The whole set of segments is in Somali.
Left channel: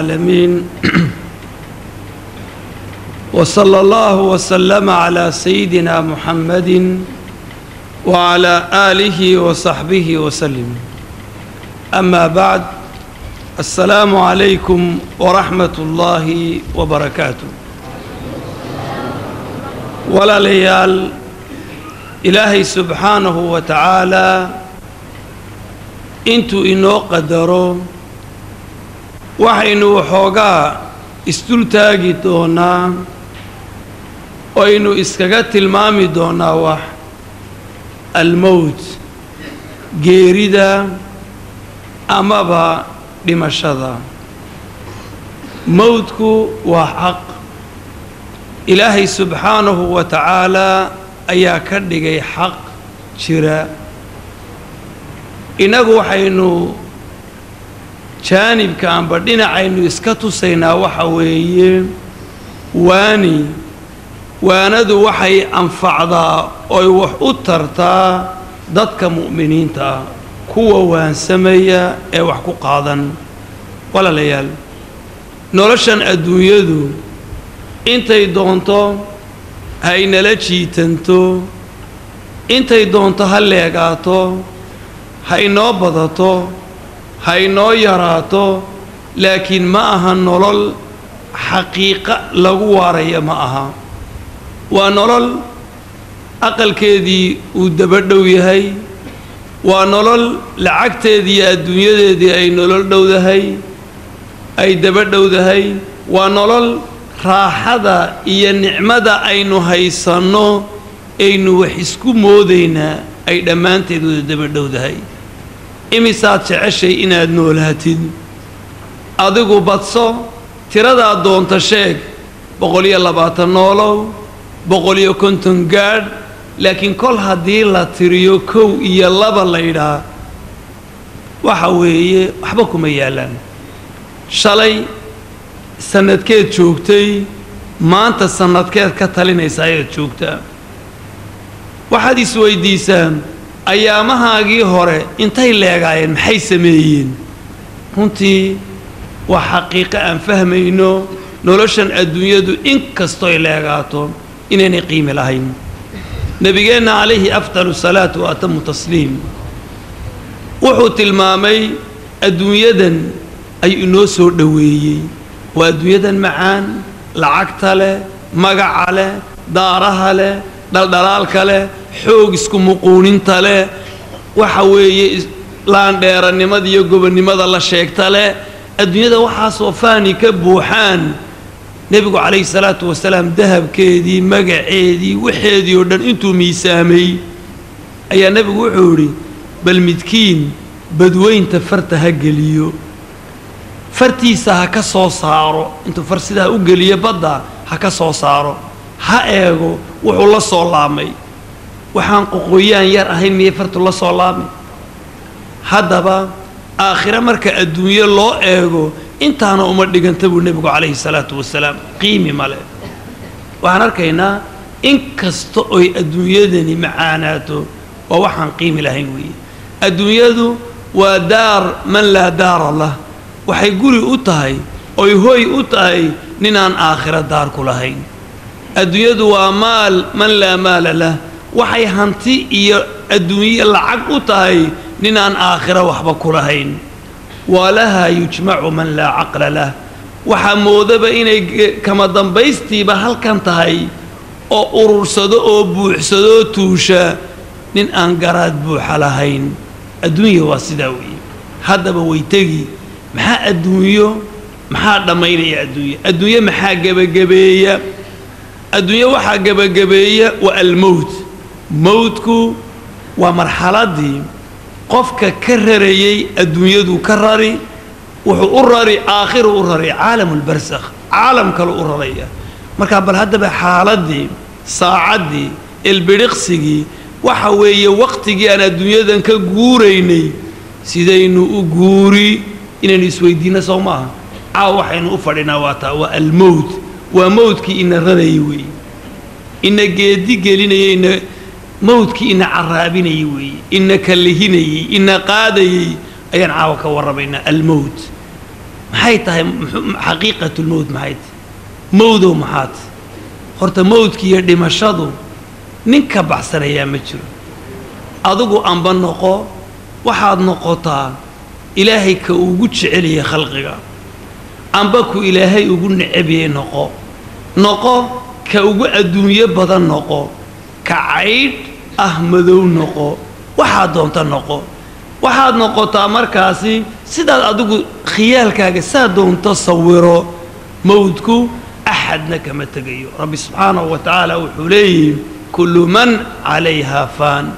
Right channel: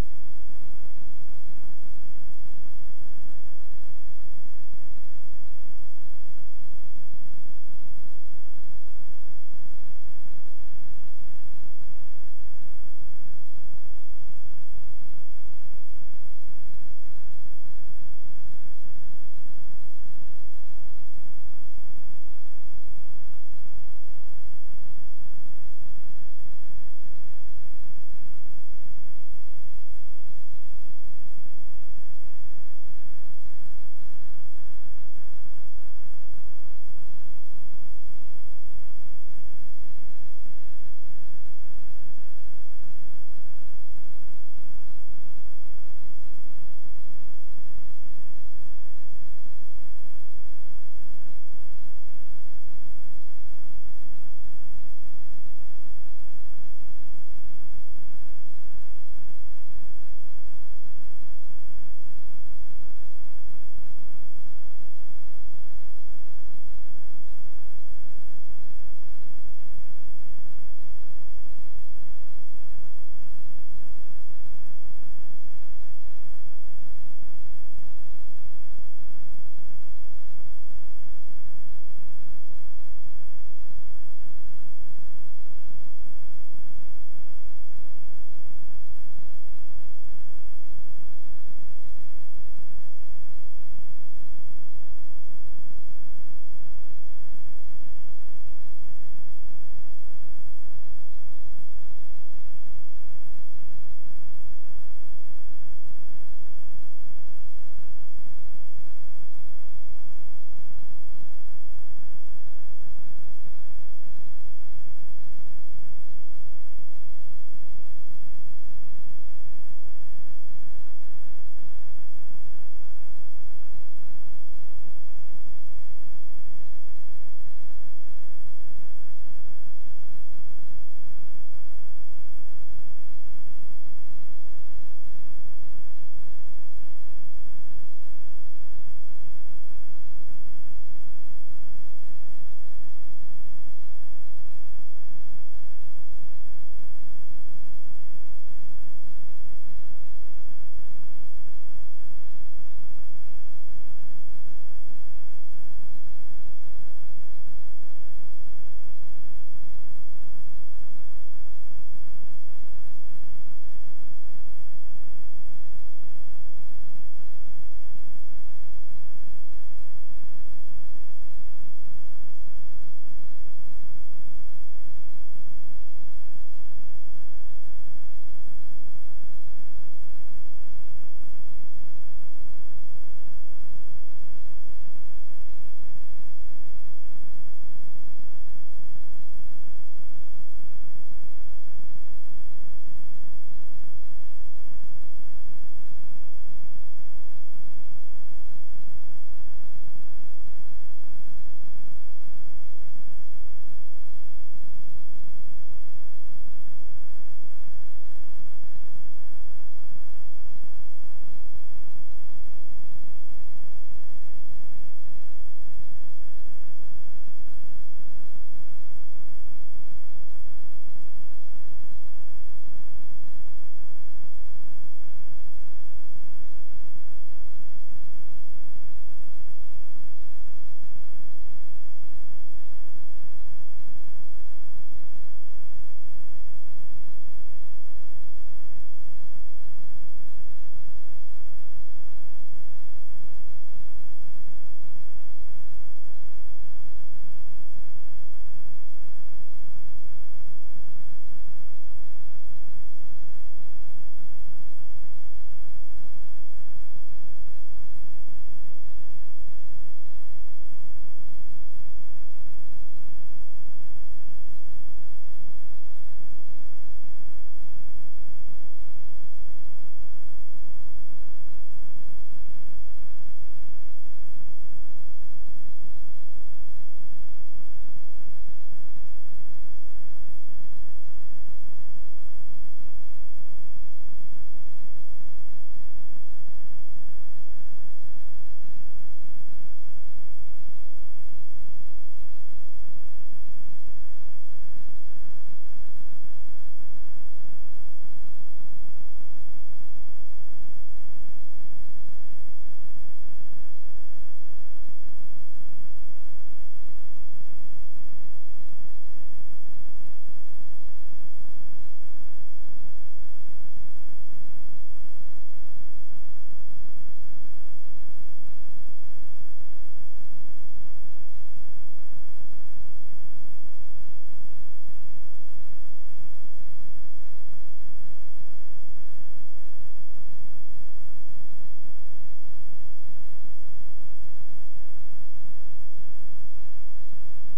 العالمين وصلى الله وسلم على سيدنا محمد وعلى آله وصحبه وسلم. أما بعد، السلام عليكم ورحمة الله وبركاته. ولا ليال إلهي سبحانه وتعالى انتو إنو قدروا waxaynu waxoogaa isdul taagi doonaa oo aynu iskaga tilmaami doonaa wax almowt, geerida amaba dhimashada. mowtku waa xaq ilaahay subxaanahu wa tacaala ayaa ka dhigay xaq jira. inagu waxaynu jaanibka amba dhinacaynu iska tusaynaa waxa weeye waanadu waxay anfacdaa oy wax u tartaa dadka mu'miniinta ah, kuwa waansameeya ee wax ku qaadan. walaalayaal, noloshan adduunyadu intay doonto ha inala jiitanto, intay doonto ha leegaato, ha inoo badato, ha inoo yaraato, laakiin ma aha nolol xaqiiqa lagu waaraya ma aha. waa nolol aqalkeedii uu dabadhow yahay, waa nolol lacagteedii iyo adduunyadeedii ay nolol dhowdahay, ay dabadhowdahay, waa nolol raaxada iyo nicmada aynu haysanno aynu wax isku moodaynaa ay dhammaanteed wada dabadhowdahay. imisaad jeceshay inaad noolaatid? adigu badso, tiradaa doonta sheeg, 120 noolow, 150 gaadh, laakiin kol haddii la tiriyo 1 iyo 2 la yidhaa waxa weeye waxba kuma yaalaan. shalay sanadkeed joogtay, maanta sanadkeed ka talinaysa ayaad joogtaa. waxaad isweydiisaa ayaamahaagii hore intay leegaayeen, maxay sameeyeen? runtii waa xaqiiqo aan fahmayno noloshan adduunyadu inkastoy leegaato inaynay qiimi lahayn. nebigeenna calayhi afdalu salaatu wa atamu tasliim wuxuu tilmaamay adduunyadan ayuu inoo soo dhoweeyey. waa adduunyadan macaan, lacagta leh, magaca leh, daaraha leh, dhaldhalaalka leh, xoog isku muquuninta leh, waxa weeye laandheeranimada iyo gobonnimada la sheegta leh. adduunyada waxaasoo faani ka buuxaan. nebigu calayhi salaatu wasalaam dahabkeedii, magaceedii, waxeedii oo dhan intuu miisaamay ayaa nebigu wuxuu yidhi bal midkiin badweynta farta ha geliyo, fartiisa ha ka soo saaro, intuu far sidaa u geliyo badda ha ka soo saaro, ha eego wuxuu la soo laamay. waxaan qoqooyaan yar ahayn miyay fartu la soo laamay? haddaba aakhire marka adduunyo loo eego intaana uma dhiganta buu nebigu calayhi salaatu wasalaam, qiimi male. waxaan arkaynaa in kasta oy adduunyadani macaanaato waa waxaan qiimi lahayn weeye. adduunyadu waa daar man laa daara lah, waxay guri u tahay oy hoy u tahay ninaan aakhiro daar ku lahayn. adduunyadu waa maal man laa maala lah, waxay hanti iyo adduunye lacag u tahay ninaan aakhiro waxba ku lahayn. walahaa yujmacu man laa caqla lah, waxaa moodaba inay kama dambaystiiba halkan tahay oo urursado oo buuxsadoo tuusha nin aan garaad buuxa lahayn. adduunya waa sidaa weeye. haddaba way tegi. maxaa adduunyo, maxaa dhammaynaya adduunye? adduunye maxaa gebagabeeya? adduunye waxaa gebagabeeya waa almowt. mowtku waa marxaladii qofka ka rarayay adduunyadu ka rari, wuxuu u rari aakhiru u rari caalamulbarsakh, caalam kale u raraya. markaa bal haddaba xaaladii, saacaddii, ilbidhiqsigii, waxa weeye waqtigii aan adduunyadan ka guuraynay sidaynu u guuri inaynu isweydiinno soo maaha. waxaynu u fadhinaa waa taa, waa almowt. waa mowdkii ina rarayay weeye, ina geedi gelinayay, mowdkii ina caraabinayay weeye, ina kallihinayay, ina qaadayay ayaan caawa ka warramaynaa. almowt محيتها حقيقة الموت محيت موضو محات خرت موت كي يردي مشادو نينك بحسن يا مجر أدوغو أنبان نقو وحاد نقوطا إلهي كأوغوش علي خلقك أنباكو إلهي أوغو نعبي نقو كأوغو الدنيا بدن نقو كعيد أحمدو نقو waxaad doonta noqo waxaad noqotaa markaasi sidaad adigu khiyaalkaaga saa doonto sawiro mawdku axadna kama tagayo rabbi subhanahu wa ta'ala wuxuu leeyahay kullu man calayha fan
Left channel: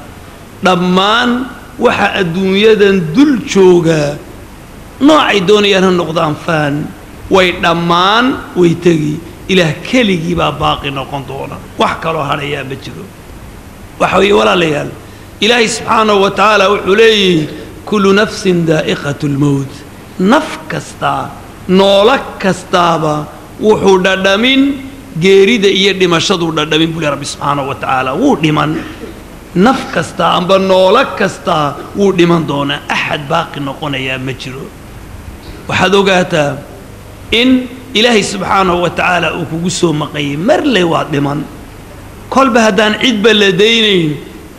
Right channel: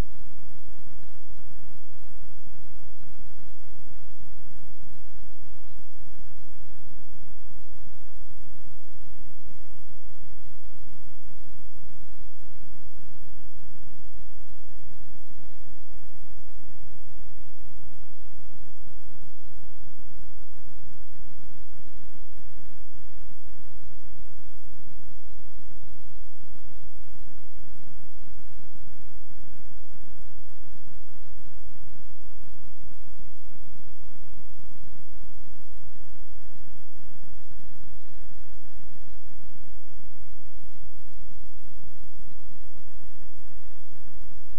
dhammaan waxa adduunyadan dul jooga noocay doonayaan noqdaan fan way dhammaan way tagi ilaah keligii baa baaqi noqon doona wax kale oo haraya ma jiro waxa way walaalayaal إلهي سبحانه وتعالى وحليه كل نفس ذائقة الموت نفكستا نولك كستابا وحودا من جيريد إيدي مشهدو دا من بولي ربي سبحانه وتعالى ودي من نفكستا أمبا نولك كستا ودي من دونا أحد باقي نقون يا مجرو وحدوغاتا إن إلهي سبحانه وتعالى وكوسو مقيم مرلي وادي من كل بهدان عيد بلدينين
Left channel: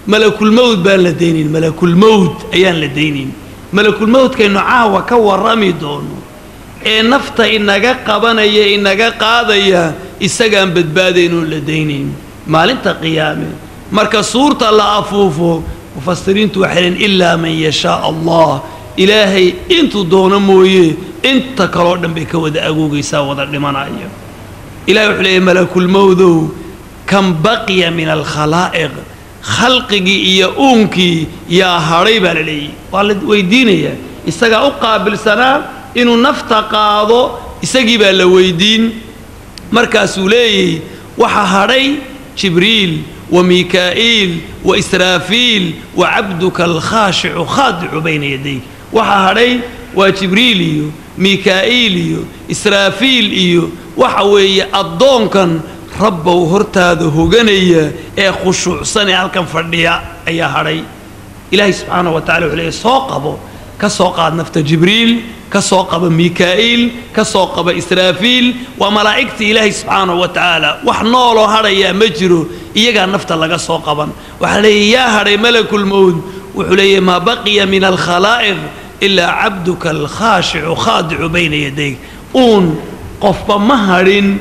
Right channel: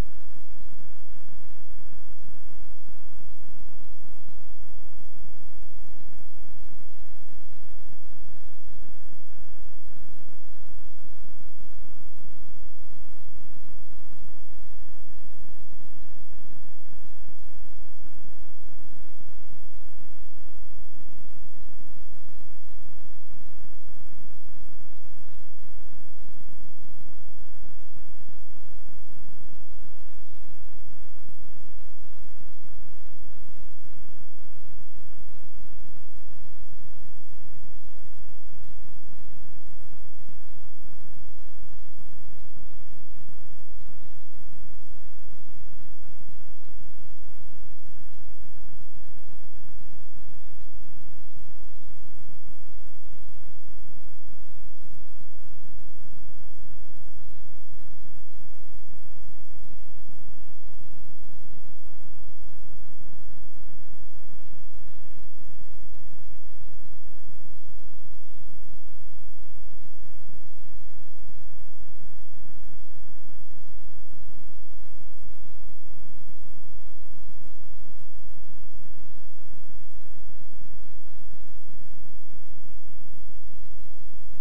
ملك الموت بان لدينين ملك الموت أيان لدينين ملك الموت كأنه عاوة كورامي دونه إيه نفط إنك قبنيا إنك قاضيا إسقام بدبادين لدينين مالنت قيامه مركز صورة الله أفوفه مفسرين توحلين إلا من يشاء الله إلهي انتو دون مويه انت كرودن بك ود أقوقي ساوضا لمن عيه إلهي وحليه ملك الموت كم بقي من الخلائق خلقي يا أمكي يا هريبة لي والد ويديني إستجا أقابل سنة إنه نفتقاضو إستجيب لويدين مركز لي وحهري جبريل وميكائيل وإسرافيل وعبدك الخاشع خاضع بين يديك وحهري وجبريليو ميكائيليو إسرافيليو وحوي الضونكن رب وهرتاد هوجنية خشوع سنة هالكم فرديا أي هري إلهي سبحانه وتعالى عليه ساقبه كساقب نفط جبريل كساقب ميكائيل كساقب إسرافيل وملائكة إلهي سبحانه وتعالى وحناله هري مجرو يجا نفط لقى ساقبا وحلي يا هري ملك الموت وحلي ما بقي من الخلائق إلا عبدك الخاشع خاضع بين يديك قف مهرين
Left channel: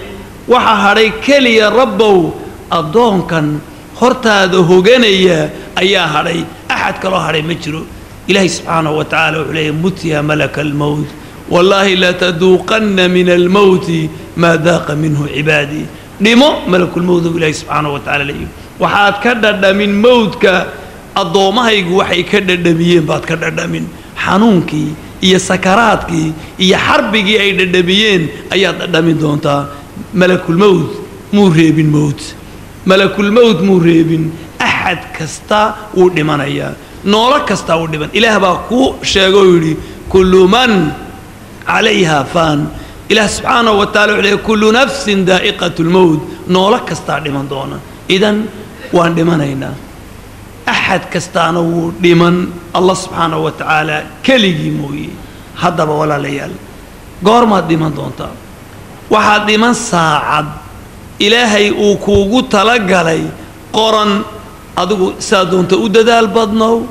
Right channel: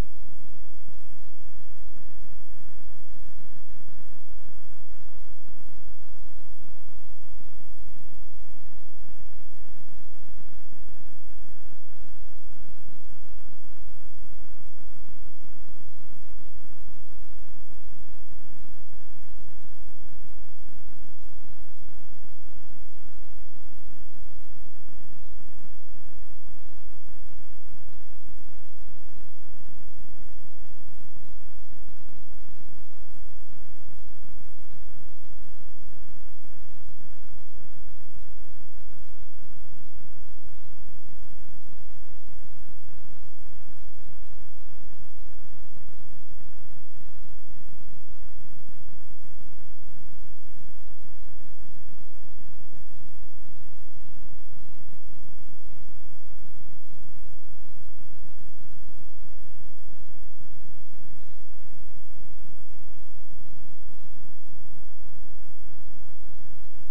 وحهري كلي ربو أضون كان هرتاد هوجنية أيها هري أحد كلا هري مجرو إلهي سبحانه وتعالى وعليه مت يا ملك الموت والله لا تذوقن من الموت ما ذاق منه عبادي نمو ملك الموت إلهي سبحانه وتعالى ليه وحاد كدد من موتك الضوما يجو وحي كدد ميين بعد كدد من حنونكي إيا سكراتكي إيا حربكي أي ددبيين أي ددمين دونتا ملك الموت مرهب الموت ملك الموت مرهب أحد كستا ودمان أيا نورا كستا ودمان إله باكو شاقولي كل من عليها فان إله سبحانه وتعالى عليه كل نفس ذائقة الموت نورا كستا ودمان دونا إذن وان دمان أينا أحد كستانو لمن الله سبحانه وتعالى كلي موي هذا ولا ليال قارما دمان دونتا واحد دمان ساعد إلهي وكوغو تلقالي قرن أدوغو سادونتا وددال بدنو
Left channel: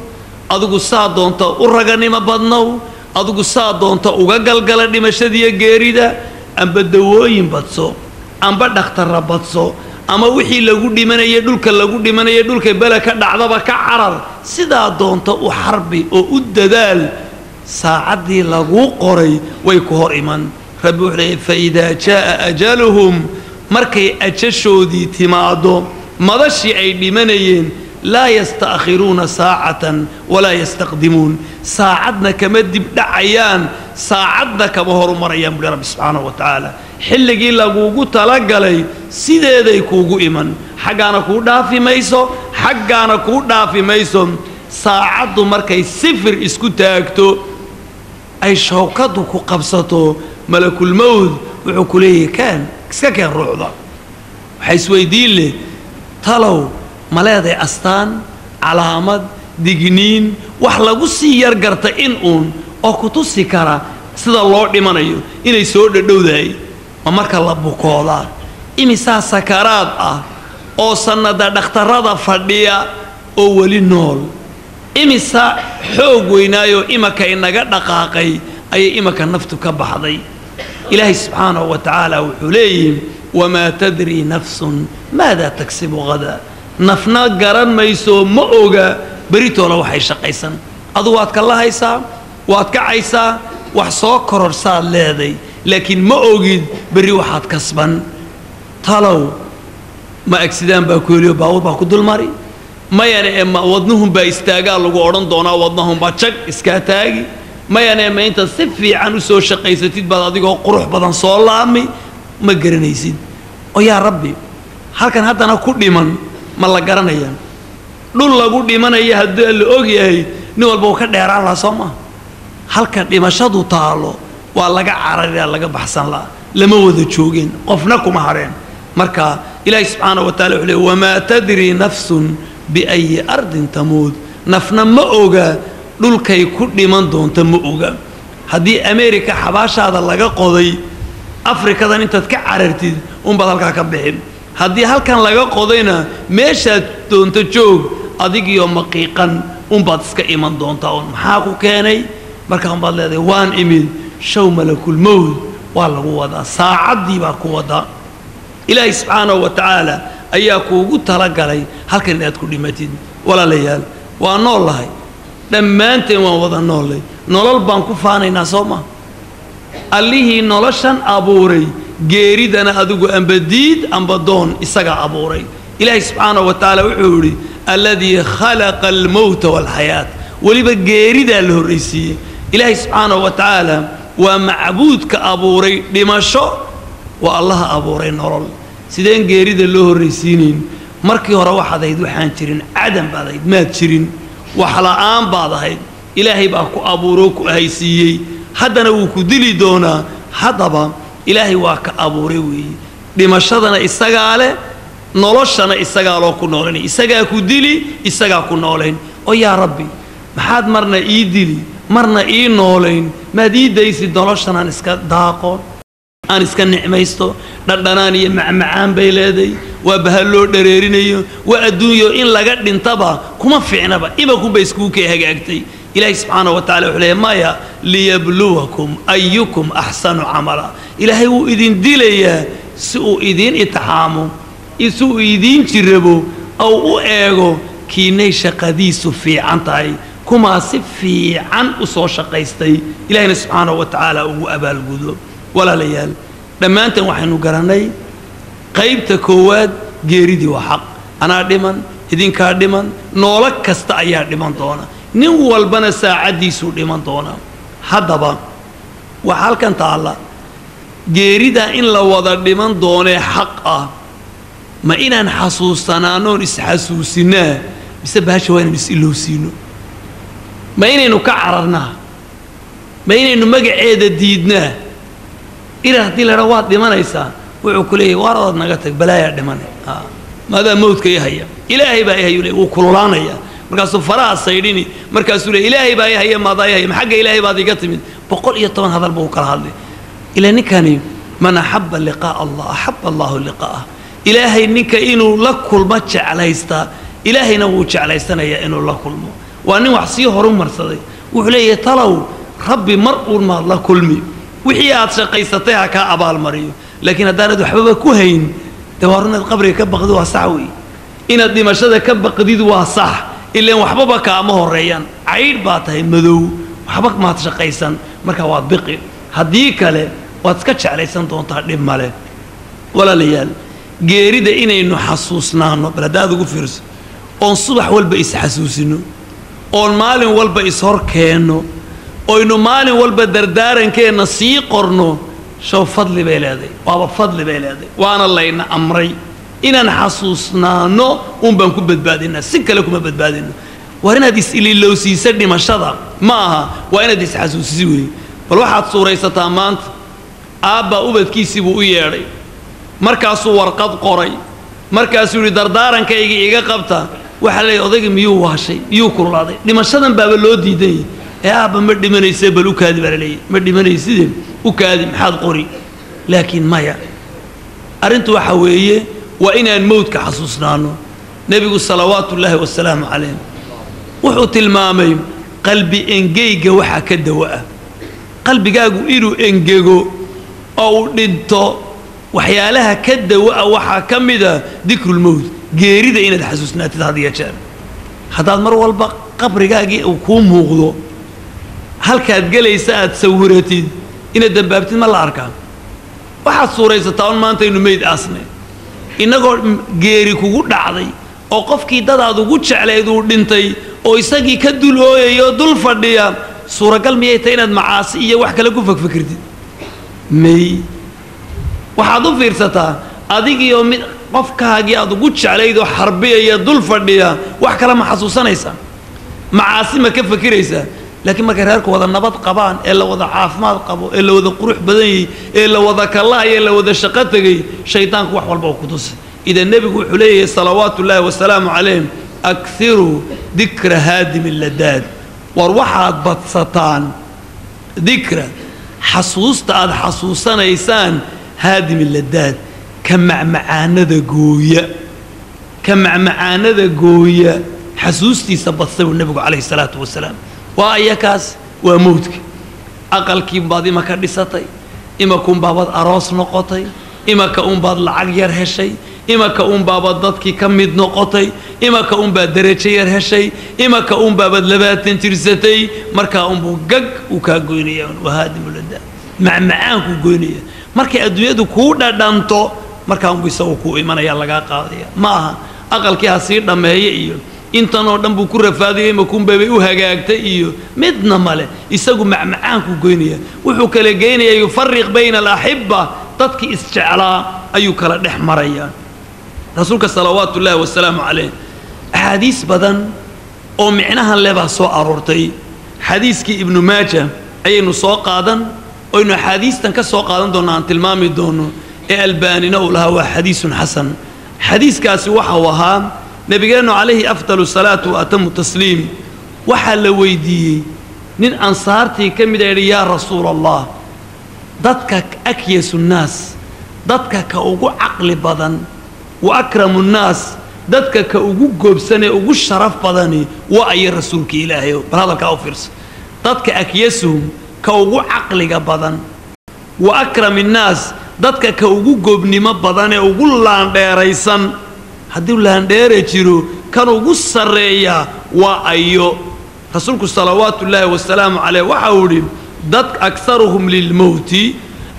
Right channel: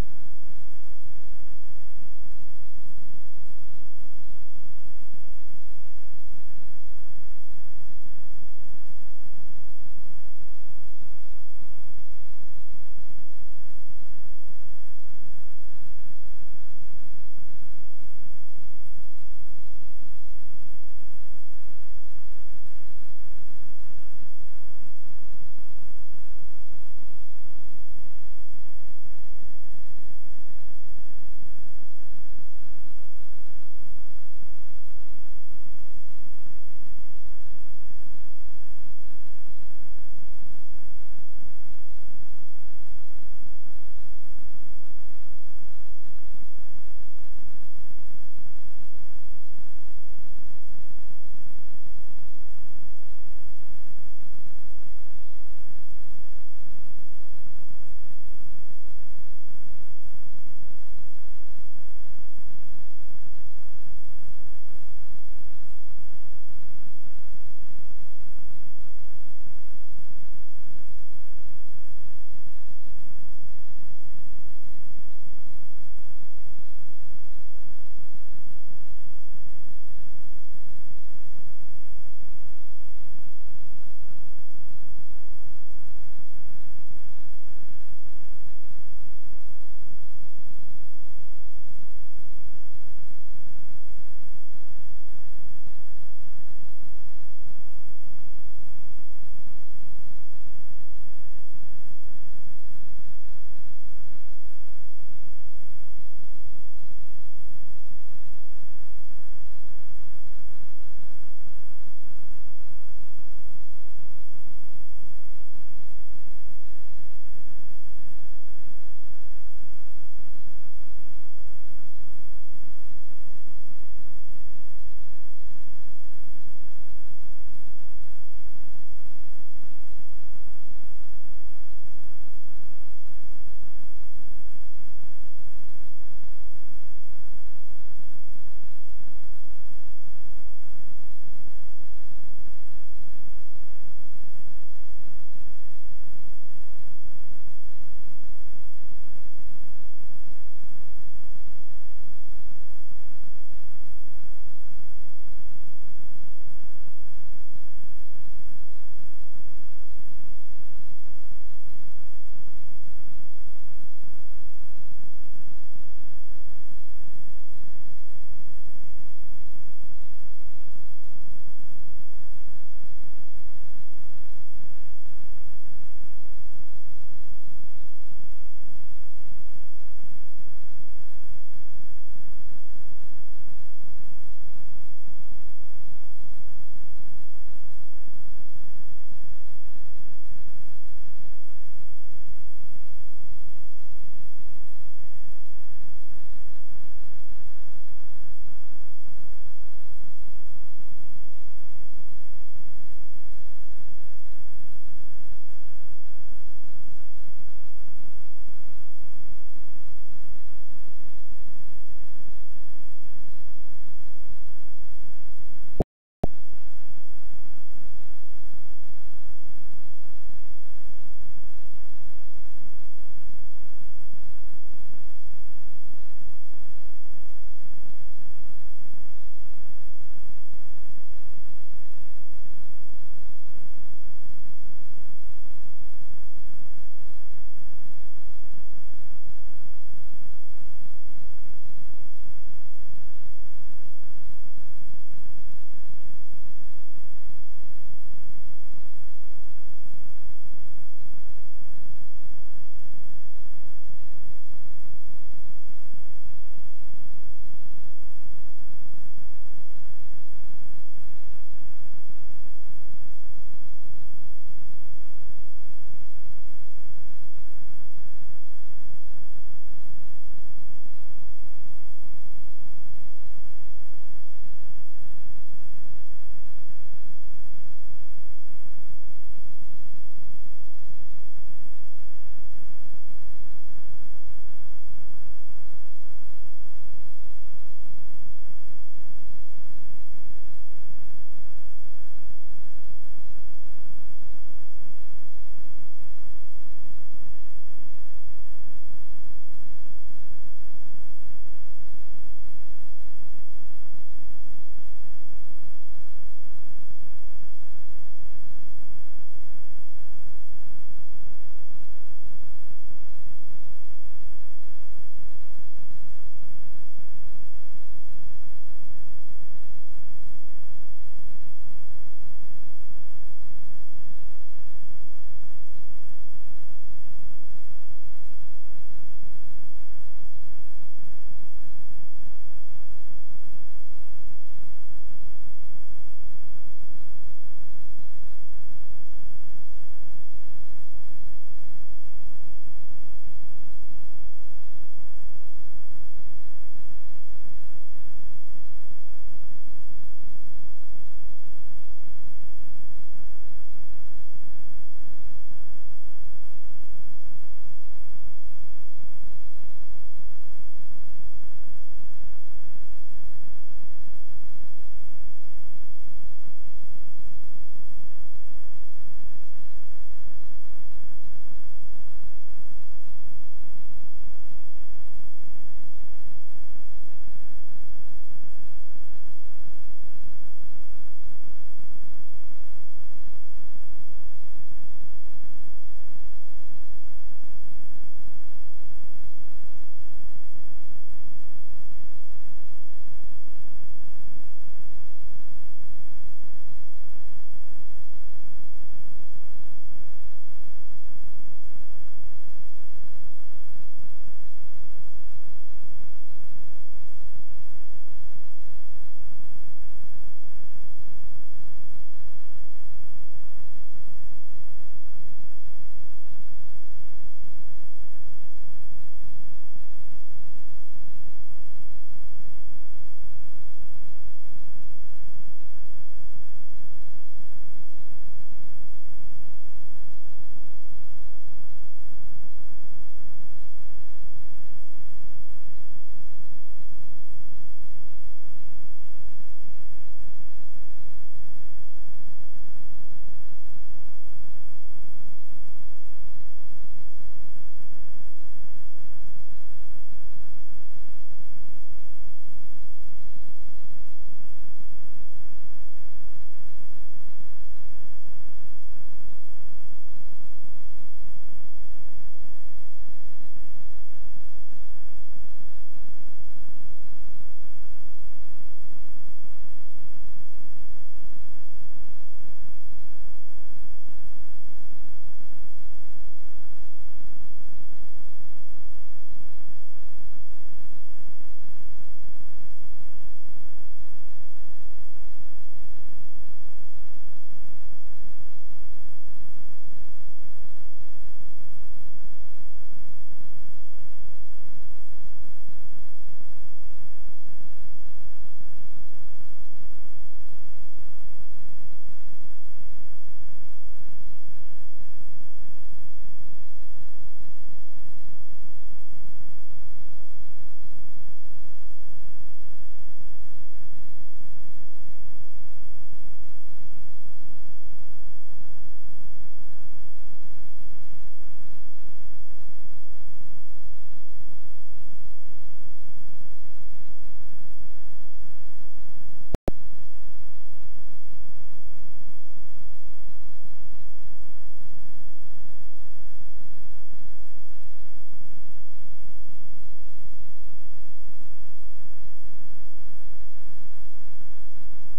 أدوغو سادونتا ورغانيما بدنو أدوغو سادونتا وغاقلقال دمشدية غيريدا أم بدوين بدسو أم بدختر بدسو أما وحي لغو دمانيا دولك لغو دمانيا دولك بلا كدعضبا كعرر سيدا دونتا وحربي وددال ساعدي لغو قري ويكوهر إيمان ربي وحليه فإذا جاء أجلهم مركي أجشودي تمادو مدشي أي دمانيين لا يستأخرون ساعة ولا يستقدمون ساعدنا كمد بدعيان ساعدنا كمهر مريم برب سبحانه وتعالى حلقي لغوغو تلقلي سيدي كوغو إيمان حقانا كودا في ميسو حقانا كودا في ميسو ساعدو مركي سفر اسكو تاكتو أي شوكاتو كو قبصتو ملك الموت وعكوليه كان كان رعضا حيث ويدين لي تلو ملاذي أستان علامات ديجنين وحلاقو سيار قرطة إنقون أو كتوسي كارا sida loo dhimanayo inay soo dhadhowdahay ma marka la bukooda imisa sakaraad ah oo sanada dhakhtarada fadhiya oo wali nool imisa xoog weynaayo imaka inaga dhaqaaqay ay imaka naftu ka baxday ilaahi subhanahu wa ta'ala wuxuu leeyahay wama tadri nafsun maada taksibu gada nafna garan mayso ma oga baritoola waxay shaqaysan adu waad ka lahaysaa waad ka caysaa wax soo kororsaad leeday laakiin ma ogid bari waxaad kasban talow ma accident baa ku heliyo baawur baa ku dulmari mayane ma wadnuhum baa istaagaa lagu oran doonaa wadnuhum baa jag iska taagi mayane ma inta si fiican u soo shaqaysatid baad adigoo qurux badan soo laami ma garanaysid oo yaa rabbi halkan haddana ku dhiman ma la garanaya dhul lagu dhimanaya haddii la og yahay nin walba uu ka dheeraan la Soomaa halka dhimashadu taalo waa laga carariyaa laga baxsan la lama wada joogin qofna kuma hareen marka ilaahi subhanahu wa ta'ala wuxuu leeyahay wama tadri nafsun bi ay ardin tamud nafna ma oga dhulkay ku dhiman doonto ma oga hadii America xabaashaada laga qoday Afrikadan intaad ka carartid bad halka ka bixin haddii halkan laga qodayna meeshaad doonto joog adigiyo maqiiqan baad iska iman doontaa oo maxaa ku keenay markaan baad leedahay waan imid show malakul mawd waa lagu wadaa saacadii baa ku wadaa ilaahi subhanahu wa ta'ala ayaa kuugu talagalay halkan inaad ku dhimatid walaalayaal waa noolahay dhammaanteen waan wada noolay nolol baan ku faanaynaa Soomaa allihii noloshan abuuray geeridana adigu ambadiid ambadoon isaga abuuray ilaahi subhanahu wa ta'ala wuxuu yiri alladhi khalaqa al-maut wal hayat waliba geerida la horeysiiyay ilaahi subhanahu wa ta'ala waa macbuudka abuuray dhimasho waa allah abuuray nolol sideen geerida loo horeysiinin markii hore waxaad waxaan jirin adam baad maad jirin wax la'aan baad ahayd ilaahay baa ku abuuro ku haysiiyay haddana uu ku dili doonaa hadaba ilaahay waa ka abuuray weey dhimashadana isaga leh noloshana isaga loo ku nooleyn isaga ku dili isaga ku nooleyn oo yaa rabbi maxaad marna ii dili marna ii nooleyn maadiidaysi noloshana iska daaqo aan iska nicmaysto dhadhanaan iyo macmacaan bay leeday waa bahalo dhareerinayo waa adduunyo in laga dhintaba kuma fiicnaba imaku bay isku ka hagaagtay ilaahi subhanahu wa ta'ala wuxuu leeyahay maya liyabluwakum ayyukum ahsanu amala ilaahi uu idin dilayaa si uu idin itixaamo isu idin jirabo oo u eego kiinay shaqadiisu fiican tahay kuma si fiican u soo shaqaystay ilaahi subhanahu wa ta'ala uu abaalgudo ولا ليال لما أنت وحنو قرني قيبت كواد جيريدي وحق أنا دمن إذن كار دمن نولك كستعيار دمن دونا نو البنا ساعة دي سو دمن دونا هذا وحال كان تعالى جيريدا إن لو وضع دمن دونا حقه ما إن حسوسنا نور حسوسنا بسبب شوين بسيلو سينو ما إنه كعرنا ما إنه مجعد ديدنا إلى هذه الرواد دمانيسا وعكليه وارد نقتك بلايا دماني ماذا موت كي هي إلهي بقى هي وكلنا يا مركز فراء السيريني مركز سوري إلهي بقى هي ماذا هي محق إلهي بعد يقتمد بقول يطمن هذا البوكر هذا إلى نكاني من أحب اللقاء الله أحب الله اللقاء إلهي نك إنه لكل ما على يستا إلهي نوش على يستنا يا إنه لكل ما وأنه وحصيه هرم مرصدي وحليه طلعوا ربي مرء ما الله كل مي وحيات شقيستها كأبال مريو لكن الدارد وحبابا كوهين توارنا القبر كبقدوها صعوي إن الدمشق كبقديدوها صح إلا وحبابا كأمه الريان عيد باته مذو وحبك ما تشقيسن مركا واد بقي هديك له واتسكتش عليه سنتون تعلم ماله ولا ليال جيريد إنه حسوسنا بلداد وفرس أن صبح والبئس حسوسينه أن مال والبئس هركينه oo inu maalin walba dardaarankeena sii qorno soo fadli bay leedahay waaba fadli bay leedahay waana layna amray inaan xasuusnaano baan ku badbaadina si kale kuma badbaadina waa inaad is ililowsiisa dhimashada ma aha waa inaad is xasuusisi weey bal waxaad suuraysataa maanta aabba ubadkiisii buu u yeedhay markaasuu warqad qoray markaasuu yiri dardaarankayga iga qabta وحلي أضيق ميو وهالشيء ميو كل هذا لما شدن باب اللودي دي يا أبا مردي من يسبل وكاذب عليه مردي من يسدم وكاذب حاد قري لكن ما يا أرنت وحويه وإن الموت كحسوسنا عنه نبي صلوات الله والسلام عليه وحوت المامي قلبي إنجيج وحا كدواء قلبي جاجو إيرو إنجيجو أو دنتو وحيالها كدواء وحا كمدا ذكر الموت جيريدا إن تحسسنا هذه يا شباب هذا مرة والبق قبر جاجي وكون موغضو هل كانت جلي ساعة سورتي إن الدبابتين ما الأركان واحد صورة ستاون ما أنت إنه ميد أصلا إنه جيري كوجود عادي أو قف كيدا هذا وجود على يدور دنتي أو يسقي كدول أو يدول فرديا صورة قال ميتين معاصية وحكي لكم فكرتي مي وحضو فرصتها أديك يوم قف كهاجي هذا وجود على يدور حربية يدول فرديا وحكي لما حسوسنا يسا معاصي ما كيف فكريسا لكن ما كرهك وذا النبض قبان إلا وذا عافمات قبو إلا وذا قروح بدني إلا وذا كالله إلا وذا شقتك شيطانك وحول بوقدس إذا النبي يقول عليه صلوات الله والسلام عليه أكثروا ذكر هادم اللذات وروحات بطسطان ذكر حصوصت هذا حصوصنا إنسان هادم اللذات كمع معانا ذا قوية كمع معانا ذا قوية حسوستي سبطسوا النبي عليه الصلاة والسلام وأيكاس وموتك أقل كيم بعض ما كان لساتي إما كون بابد أراس نقطي إما كون بعض العجير هالشيء إما كون بابد ضدك كمد نقطي إما كون بعد درجير هالشيء إما كون بابد لبات تنترستي مركا بوجج وكاجونية وهذه مولدة معاك وجونية مركا الدنيا دو كودا دانتو مركا بيسوقوا إيمانا يلا قاضية ما أقل كي هصير لما هي إيو intanoo dhan buu ku rafaadiyay ma kun beebay u hagaagtay iyo midna male isagu macmacaan ku goynaya wuxuu kala geenayay yufarriq bayna al-ahibba dadki isjeclaa ayuu kala dhex maraya rasuulka salawaatu illaahi wasalaamu calayh ahadiis badan oo micnahan leba soo aroortay xadiiskii ibnu maaja ayaynu soo qaadan oo inuu xadiistan ka soo qaadan doonaan tilmaami doono ee albaanina uu lahaa waa xadiisun xasan xadiiskaasi waxa uu ahaa نبينا عليه أفضل الصلاة وأتم التسليم وحل ويدي نين أنصارتي كم يا رسول الله ضدك أكيس الناس ضدك كأوجو عقل بدن وأكرم الناس ضدك كأوجو جبسنة أوجو شرف بدني وأي رسولك إلهي بهذا كأوفرس ضدك أكيسهم كأوجو عقل بدن وأكرم الناس ضدك كأوجو جبني ما بدن أوجو لانديريسن haddii laan dheere jiro kan ugu sareeya waa ayo rasuulku salawaatu illaahi wasalaamu calayhi waxa uu yidhi dad aktharuhum lilmawti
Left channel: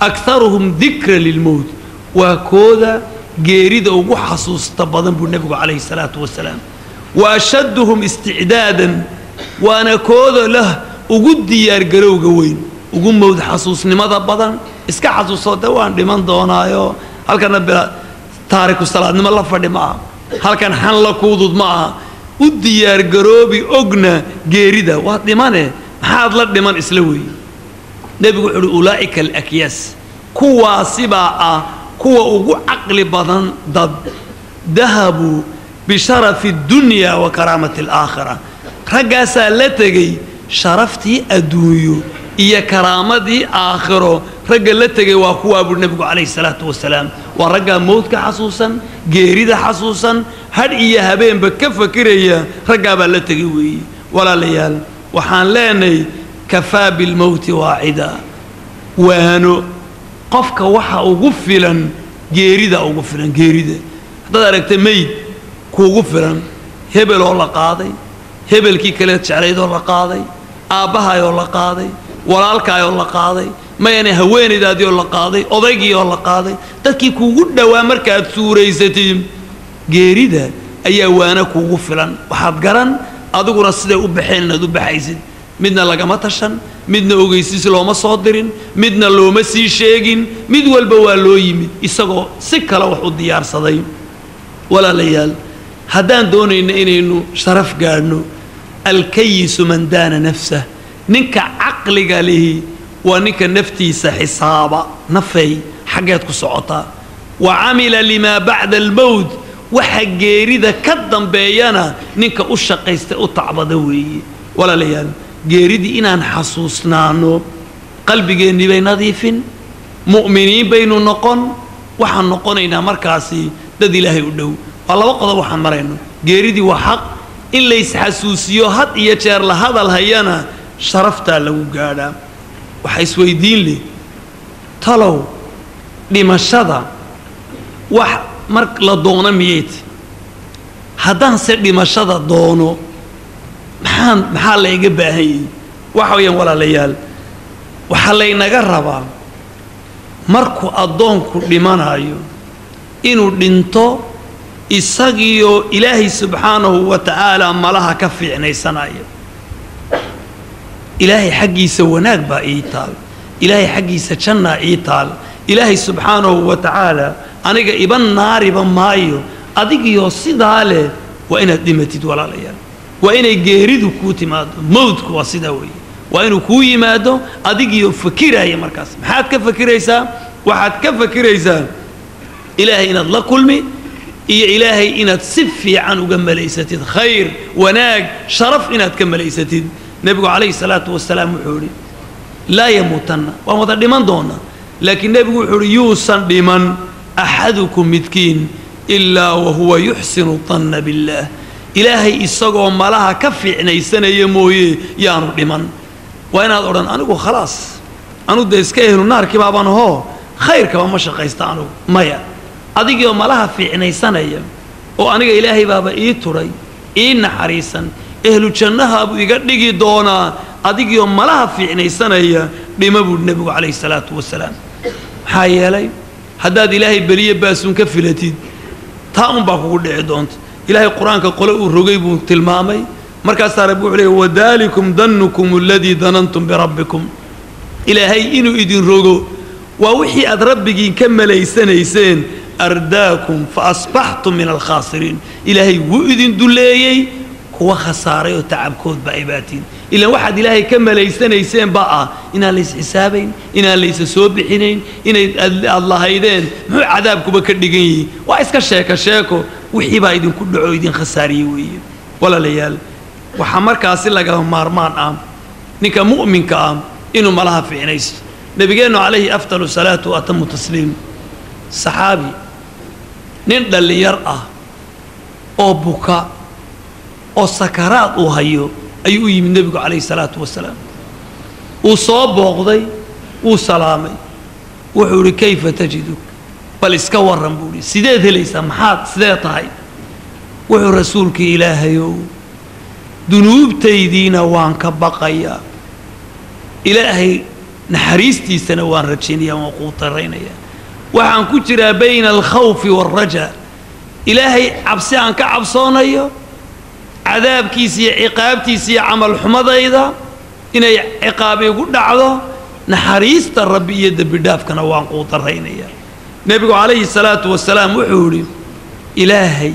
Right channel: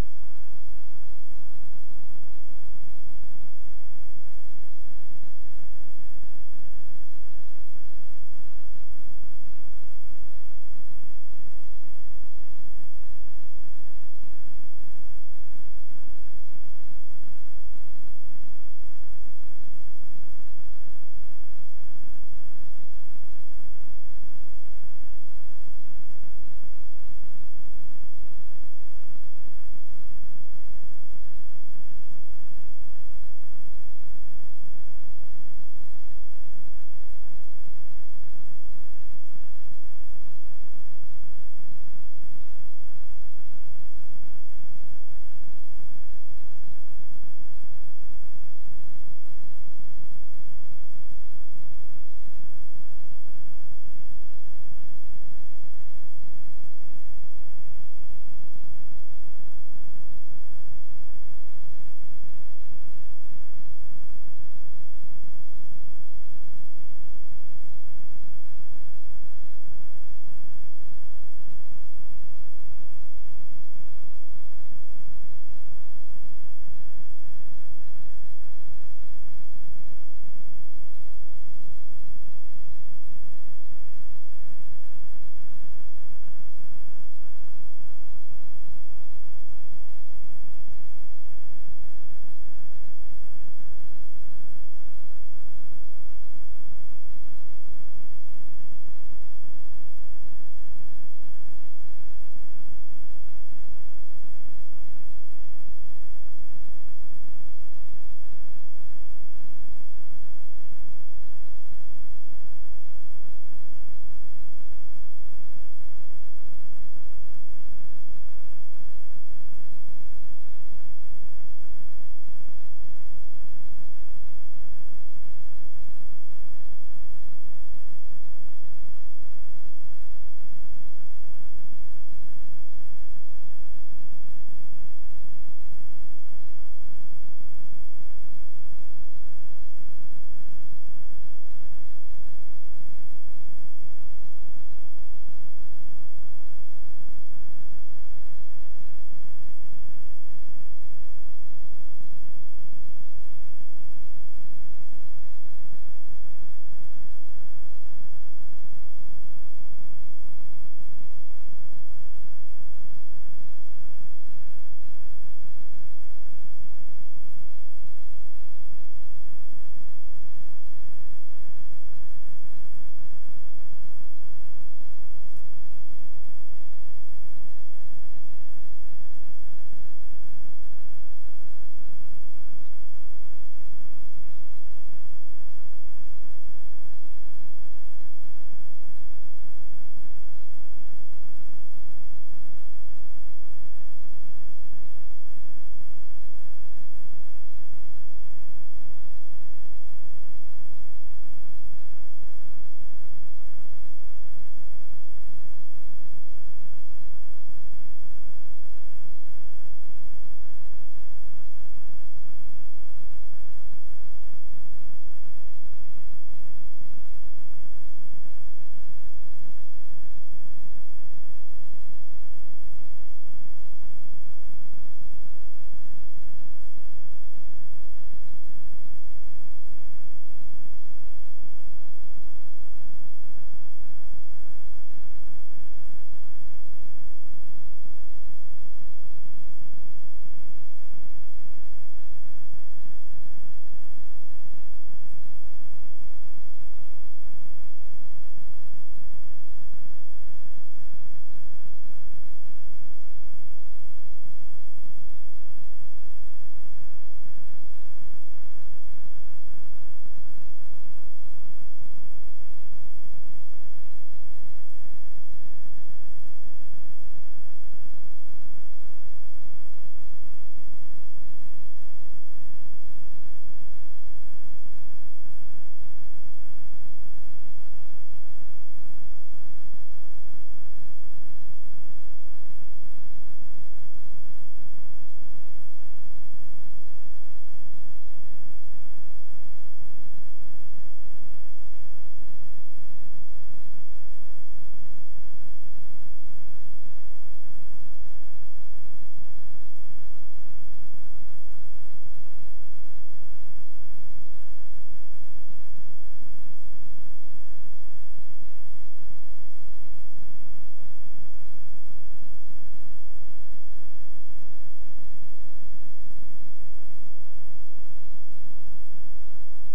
aktharuhum dhikra lilmawt waa kooda geerida ugu xasuusta badan buu nabigu calayhi salaatu wasalaam wa ashadduhum isticdaadan waana kooda lah ugu diyaar garowga weyn ugu mawd xasuusnimada badan iska xasuuso waan dhiman doonaayo halkana تارك الصلاة نما الله فدي معه هل كان حن لا كودود معه وديار جروبي أجنة جيريدة واحد مانه هذا لا دمان إسلوي نبي يقول أولئك الأكياس كوا سبعة كوا أوجو عقل بدن ضد ذهبوا بشرف الدنيا وكرامة الآخرة رجع لتجي شرفتي أدويو إيا كرامتي آخره رجع لتجي وأخوه أبو النبي عليه الصلاة والسلام ورجع موتك حسوسا جيريد حسوسا هل إيا هبين بكف كريه رجع بلتجي وي ولا ليال وحان لاني كفى بالموت واعدا وانو قفك وحا أغفلا جيريد أغفلا جيريد هذا ركت ميت كوغفلا هبل ولا قاضي هبل كي كلت شعريد ولا قاضي آبها ولا قاضي walaalkaa oo la qaaday ma yana haweenaydaadii oo la qaaday odaygii oo la qaaday dadkii kuugu dhawaa markaad suuraysatiin geerida ayaa waana kuugu filan waxaad garan adiguna siday u baxeen inaad u baxaysid midna lagama tashan midna ogeysiis looma soo dirin midna looma sii sheegin mid walba waa loo yimid isagoo si kale wax u diyaarsaday walaalayaal haddaan doonayna inaynu sharaf gaadhno alkayisu man daana nafsah ninka caqliga lihi waa ninka naftiisa xisaaba nafay xageed ku socota wa amila lima ba'da al-mawt وحجيري ذا كدم بيانا نك أشقيست أطعبد وي ولا ليال جيريدي إن حسوسنا إنه قلبي جيني بين نظيف مؤمنين بين النقن وحن نقنينا مركاسي ددي له يدو الله وقضى وحن مرينا جيريدي وحق إن ليس حسوسيو هات يشير لهذا الهيانا شرفت له قاعدة وحيسوي دين لي طلو لمشهد وح مرك لدونا ميت هذا سر لمشهد دونه محل يجيب هي وحويا ولا ليال وحلينا جربا مركو أدونكو لمن هايو إنو دينتو إساقيو إلهي سبحانه وتعالى ملاها كفي عني سنايا إلهي حقي سوناك با إيطال إلهي حقي سجنا إيطال إلهي سبحانه وتعالى أنيقا إبن ناري بن مايو أديقيو صدالي وإن دمتد ولا ليال وإن جيريدو كوتي مادو موتكو وصداوي وإنه كوي مادو أديقيو فكيرا هي مركز محاد كفكيريسا وحاد كفكيريسا إلهي إن الله كلمي إيه إلهي إن تسفي عنه قم ليستد خير وناق شرف إن تكم ليستد نبي عليه الصلاة والسلام وحوري لا يموتن وما لمن دونا لكن نبي وحوري يوصل لمن أحدكم متكين إلا وهو يحسن الظن بالله إلهي إسقوا ملاها كفي عنيسنا يموي يانو لمن وأنا أقول أنا خلاص أنا ديسكيه النار كبابان هو خير كمان مش قيستانو مايا أديك يوم لها في عنيسنا يم وأنا إلهي بابا إيه تري إيه نحريسا أهل الجنة أبو يقدر دونا أديك يوم لها في عنيسنا يا بمبو النبي عليه الصلاة والسلام حي علي حداد إلهي بريه باسون كفلتي تام بقول عدونت إلهي القرآن كقول الرجيب تلمامي مركز تربوا عليه وذلكم ظنكم الذي ظننتم بربكم إلهي إنه إدين رجو ووحي أدربك كمل يسين أرداكم فأصبحتم من الخاسرين إلهي وإدين دليي هو خسارة وتعب كود بعباتين إلا واحد إلهي كمل يسين بقى إنها ليس حسابين إنها ليس سوبحين إن الله هيدين مو عذابكم بكردقين وإسك الشاكو وحي بايدين كل عويدين خساريوي ولا ليال وحمر كاسل لقاهم مارمان نكا مؤمن كام إنه ملها في عنيس نبينا عليه أفضل الصلاة وأتم التسليم صحابي نندل اللي يرأى أو بكاء أو سكرات أو هيو أيوه من النبي عليه الصلاة والسلام وصاب وغضي وسلامي وحوري كيف تجدك بل اسكور رمبولي سيدات ليس محات سيدات هاي وحو رسولك إلهيو ذنوب تيدينا وانك بقيا إلهي نحريستي سنوان رجينيا وقوط الرينيا وعن كتر بين الخوف والرجاء إلهي عبسي عنك عبصانيا عذاب كيسي عقاب كيسي عمل حمض أيضا إن عقاب يقول دعوه نحريست الرب يد بداف كان وان قوط الرينيا نبي عليه الصلاة والسلام وحوري إلهي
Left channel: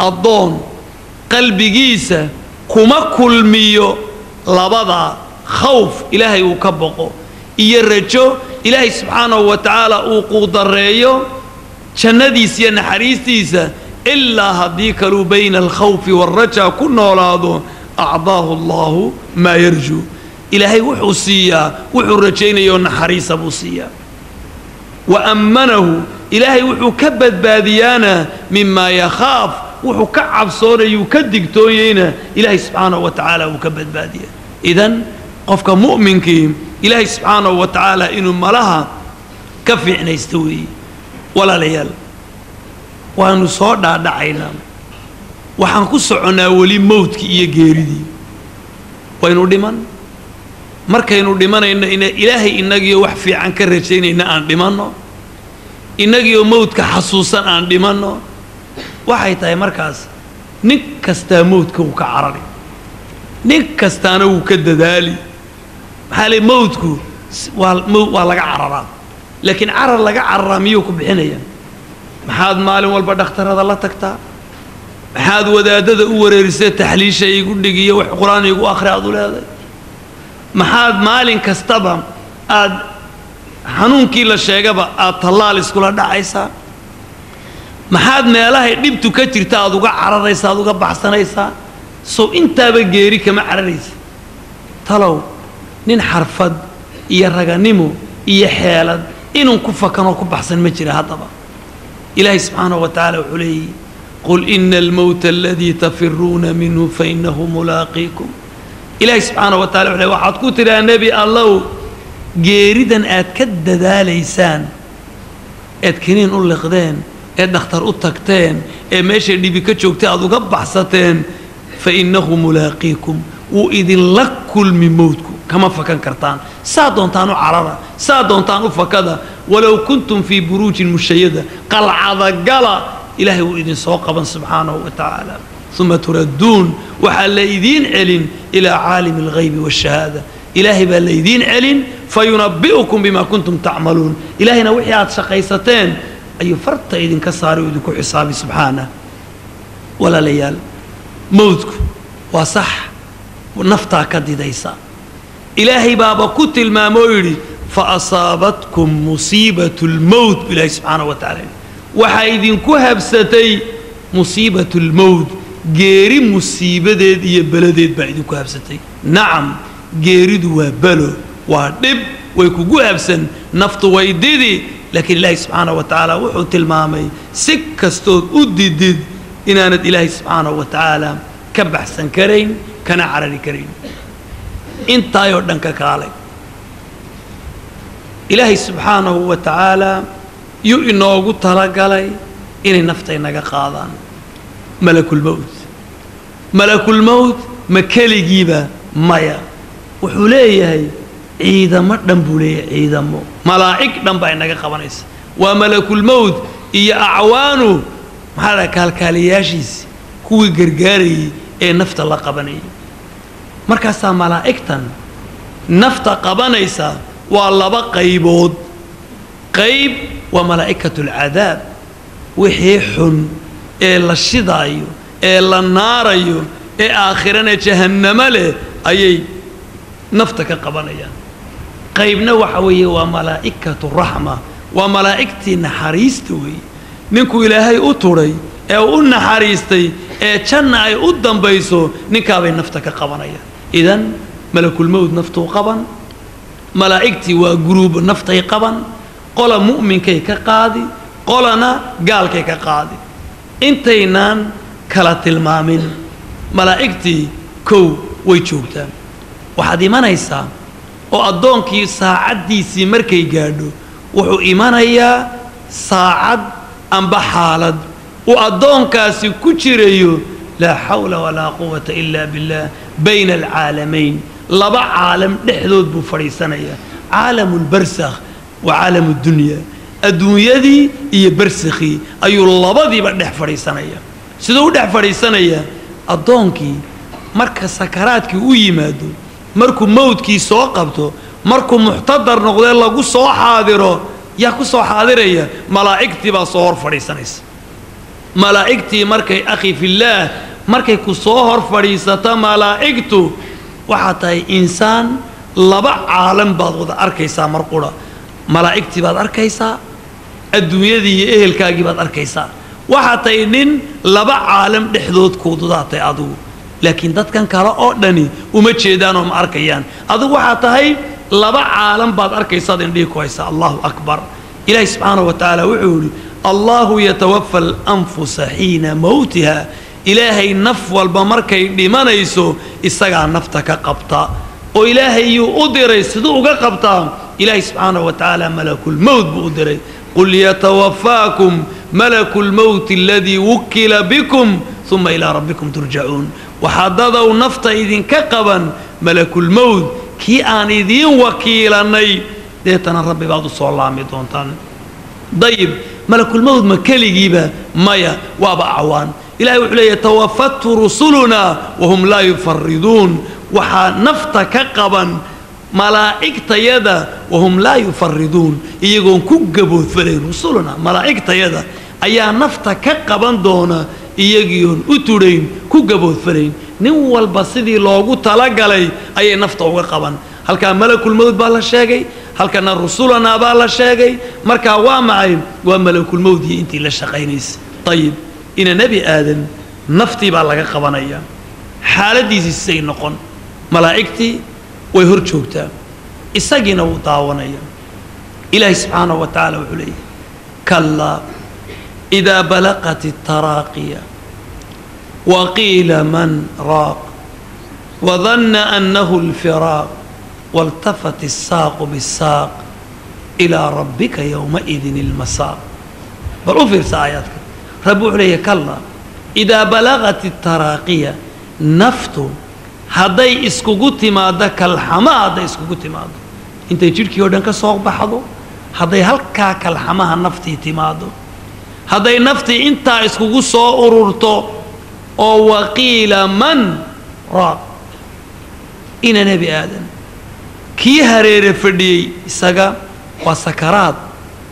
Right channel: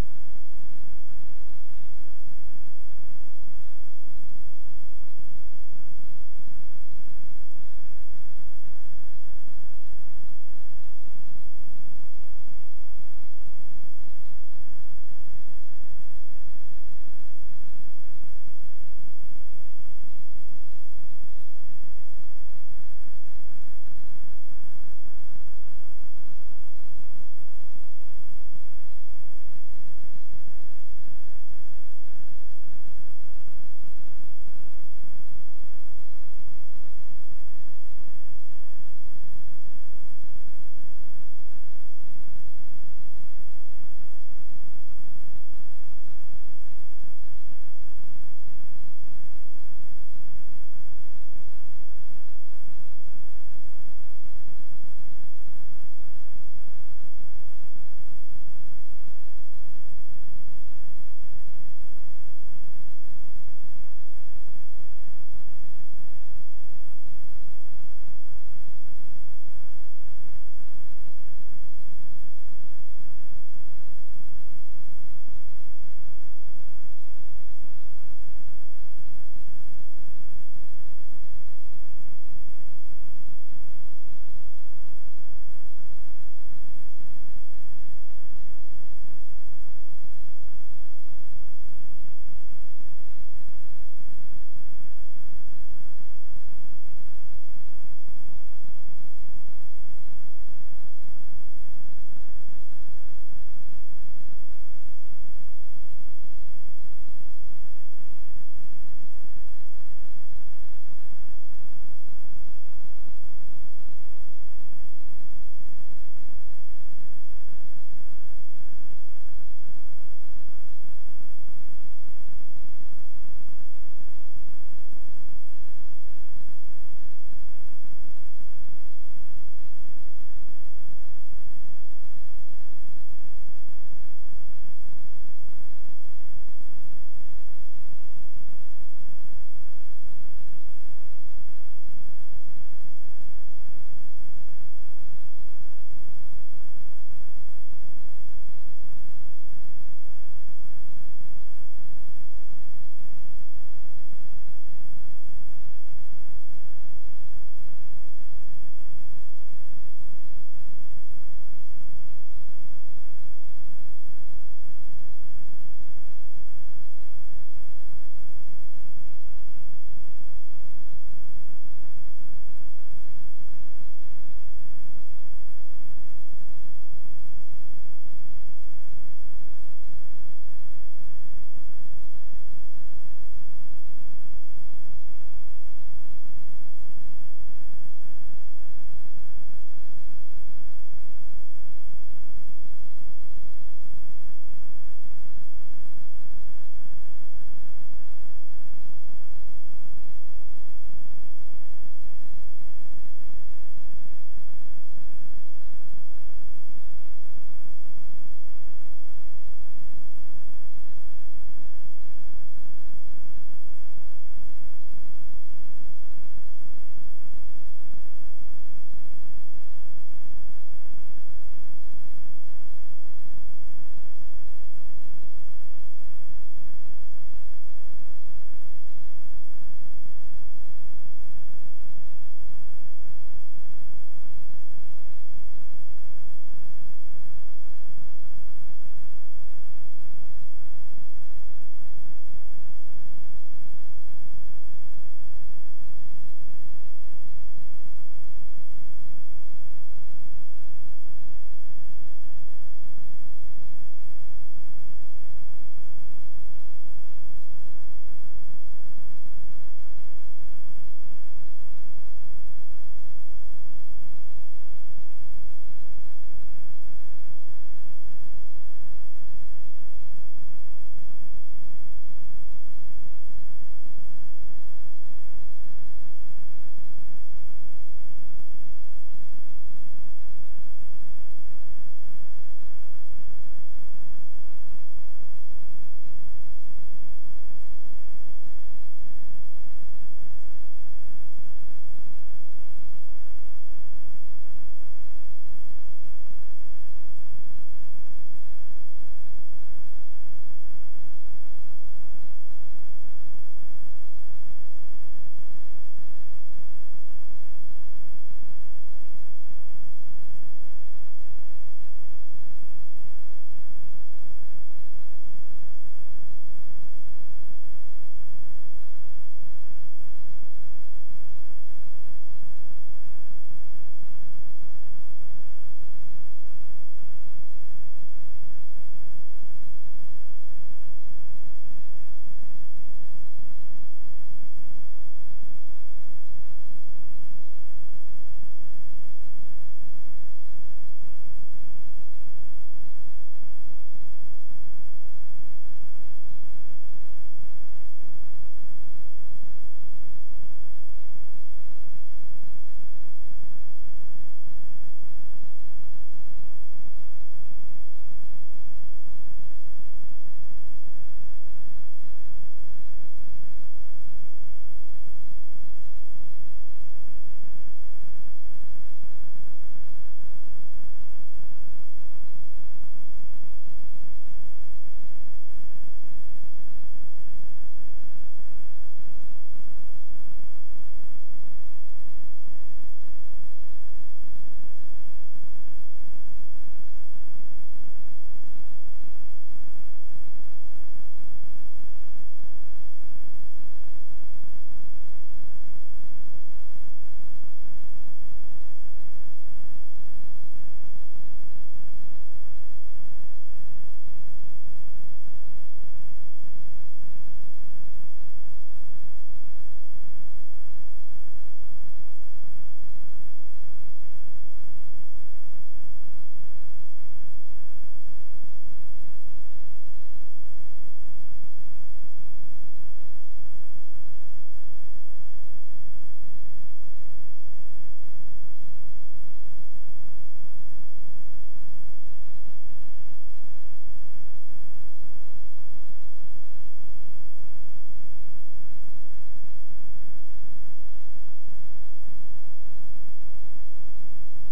الضون قلبي جيسة كما كل ميو لبضع خوف إلهي وكبقه يرجو إلهي سبحانه وتعالى وقود الرئيو شنديسيا نحريستيسا إلا هديك له بين الخوف والرجاء كنا ولاده أعضاه الله ما يرجو إلهي وحوسيا وحرجين يون حريص بوسيا وأمنه إلهي وحو كبد باديانا مما يخاف وحو كعب صوري يكدق توينا إلهي سبحانه وتعالى وكبد باديا إذن قفك مؤمنك إلهي سبحانه وتعالى إنه ملها كفي عنا يستوي ولا ليال وأنه صور دعينا وحنكسعنا ولي موتك إيا جيردي وإنه دمان marka inuu dhimanayna in ilaahay inagiyo wax fiican ka rajaynayna aan dhimanno inagiyo mawdka xasuusan aan dhimanno waxay tahay markaas nin kasta mawdka uu ka carari nin kastaana uu ka dadaali xalay mawdku waa laga cararaa laakiin carar laga cararaa miyuu ku bixinaya maxaad maalin walba dhakhtarada la tagtaa maxaad wadaadada u wareerisay taxliisha igu dhigiyo wax quraan igu akhri aad u leedahay maxaad maalin kastaba aad xanuunkii la sheegaba aad tallaal iskula dhacaysaa maxaad meelahay dhibtu ka jirta aad uga cararaysaa aad uga baxsanaysaa soo intaaba geeri kama cararaysa talow nin xarfad iyo raganimo iyo xeelad inuu ku fakanoo ku baxsan ma jira haddaba ilaahay subxaanahu wa tacaala wuxuu leeyahy qul ina almawta aladii tafiruuna minhu fainahu mulaaqiikum ilaahay subxaanahu wa tacala wuxuu leeyahy waxaad ku tidhaa nebi allow geeridan aad ka dadaalaysaan eed kiniin u liqdeen ee dhakhtar u tagteen ee meeshay dhibi ka joogtay aad uga baxsateen fainahu mulaaqiikum wuu idinla kulmi mowdku kama fakan kartaan saa doontaan u carara saa doontaan u fakada walow kuntum fii buruujin mushayada qalcada gala ilaahay wuu idin soo qaban subxaanahu wa tacaala uma turadduun waxaa la idiin celin ilaa caalimi alghaybi waashahaada ilaahay baa la idiin celin fayunabbi'ukum bima kuntum tacmaluun ilaahayna wixii aad shaqaysateen ayuu farta idinka saaray oo idinku xisaabi subxaanah walaalayaal mowdku waa sax naftaa ka didaysa ilaahay baaba ku tilmaamoo yidhi fa asaabatkum musiibatu lmowt ilaahay subxaanahu wa tacaala waxaa idinku habsatay musiibatu lmowt geeri musiibadeed iyo beladeed baa idinku habsatay nacam geeridu waa belo waa dhib way kugu habsan naftu way didi laakiin ilaahay subxaanahu wa tacaala wuxuu tilmaamay si kastood u didid inaanad ilaahay subxaanahu wa tacaala ka baxsan karayn kana carari karayn intaayoo dhan ka kaalay ilaahay subxaanahu wa tacaala yuu inoogu talagalay inay nafta inaga qaadaan malakulmowt ma keligiiba maya wuxuu leeyahay ciidamo dhan buu leeyahay ciidamo malaa'ig dhan baa inaga qabanaysa waa malakulmowt iyo acwaanu maxaa dhaha kaalkaaliyaashiisi kuwii gargaarayay ee nafta la qabanayay markaasaa malaa'igtan nafta qabanaysa waa laba qaybood qayb waa malaa'ikatu alcadaab wixii xun ee la shidaayo ee la naarayo ee aakhirana jahannamo leh ayay nafta ka qabanayaan qaybna waxa weeye waa malaa'ikatu raxma waa malaa'igtii naxariista weeye ninkuu ilaahay u turay ee u naxariistay ee janna ay u dambayso ninkaabay nafta ka qabanayaan idan malakulmowt naftuu qaban malaa'igtii waa guruubo naftay qaban qola mu'minkay ka qaadi qolana gaalkay ka qaadi intaynaan kala tilmaamin malaa'igtii kow way joogtaan waxaad imanaysaa oo addoonkii saacaddiisii markay gaadho wuxuu imanayaa saacad amba xaalad uu addoonkaasi ku jirayo laa xawla walaa quwata ilaa billah bayna alcaalamayn laba caalam dhexdood buu fadhiisanayaa caalamu lbarsakh wa caalamu dunya adduunyadii iyo barsakhii ayuu labadiiba dhex fadhiisanayaa siduu u dhex fadhiisanayaa addoonkii marka sakaraadkii u yimaado markuu mawdkii soo qabto markuu muxtadar noqdee lagu soo xaadiro yaa ku soo xaadiraya malaa'igtii baa soo hor fadhiisanaysa malaa'igtii markay akhi fillaah markay ku soo hor fadhiisata malaa'igtu waxaa tahay insaan laba caalam baad wada arkaysaa mar qura malaa'igtii baad arkaysaa adduunyadii iyo ehelkaagii baad arkaysaa waxaa tahay nin laba caalam dhexdood kuududaatay adigu laakiin dadkan kale oo dhani uma jeedaan oo ma arkayaan adigu waxaa tahay laba caalam baad arkaysaad indhihi ku haysaa allahu akbar ilaahi subxaanahu wa tacaala wuxuu yidhi allahu yatawafa alanfusa xiina mawtiha ilaahay naf walba markay dhimanayso isagaa nafta ka qabta oo ilaahay yuu u diray siduu uga qabtaa ilaahi subxaanahu wa tacaala malakulmowt buu u diray qul yatawafaakum malakulmowt aladii wukila bikum uma ilaa rabbikum turjacuun waxaa dadow nafta idinka qaban malakulmowt kii aan idiin wakiilanay deetana rabbi baad u soo laami doontaan dayib malakulmowt ma keligiiba maya waaba acwaan ilahay wuxuu leeyahy tawafatu rusuluna wahum laa yufariduun waxaa nafta ka qaban malaa'igtayada wahum laa yufariduun iyagoon ku gaboodfalayn rusuluna malaa'igtayada ayaa nafta ka qaban doona iyagiion u tudhayn ku gaboodfalayn nin walba sidii loogu talagalay ayay nafta uga qaban halkaa malakulmowt baa la sheegay halkana rusulanaa baa la sheegay markaa waa macay waa malakulmowt iyo intii la shaqaynaysa طيب إن نبي آدم نفتي بالله قبنايا حالتي زي نقن ملائكتي ويهرجوكتا إساقنا وطاونايا إلهي سبحانه وتعالى وعليه كلا إذا بلغت التراقية وقيل من راق وظن أنه الفراق والتفت الساق بالساق إلى ربك يومئذ المساق بل في آياتك ربو عليه كلا إذا بلغت التراقية نفتو هذي اسكوغوتي ماذا كالحما هذي اسكوغوتي ماذا انت يجيرك يودنك سوق بحضو هذي هلكا كالحما نفتي تمادو هذي نفتي انت اسكوغو سو أرورتو أو وقيل من راق إن نبي آدم كي هرير فردي سجا وسكرات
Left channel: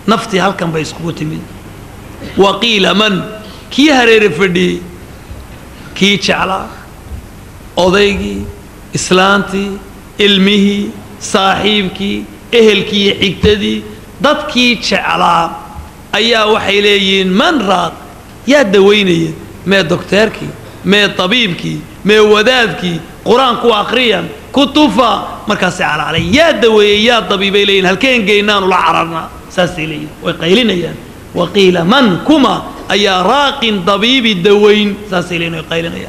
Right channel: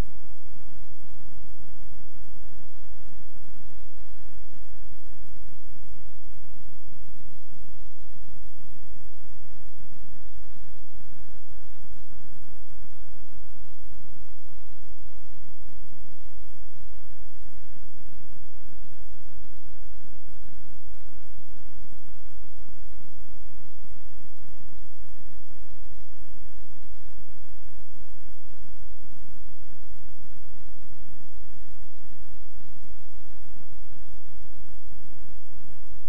نفتي هل كان بيسكوت من وقيل من كي هرير فردي كي شعلا أضيقي إسلامتي علمه صاحبك أهلك حكتدي ضدك شعلا أيا وحيلين من راق يا دويني ما دكتورك ما طبيبك ما ودادك قرآن كو أقريا كتوفا مركز على يا دوي يا طبيبي لين هل كان جينان ولا عررنا ساسلين وقيلنا يا وقيل من كما أي راق طبيب الدوين ساسلين وقيلنا يا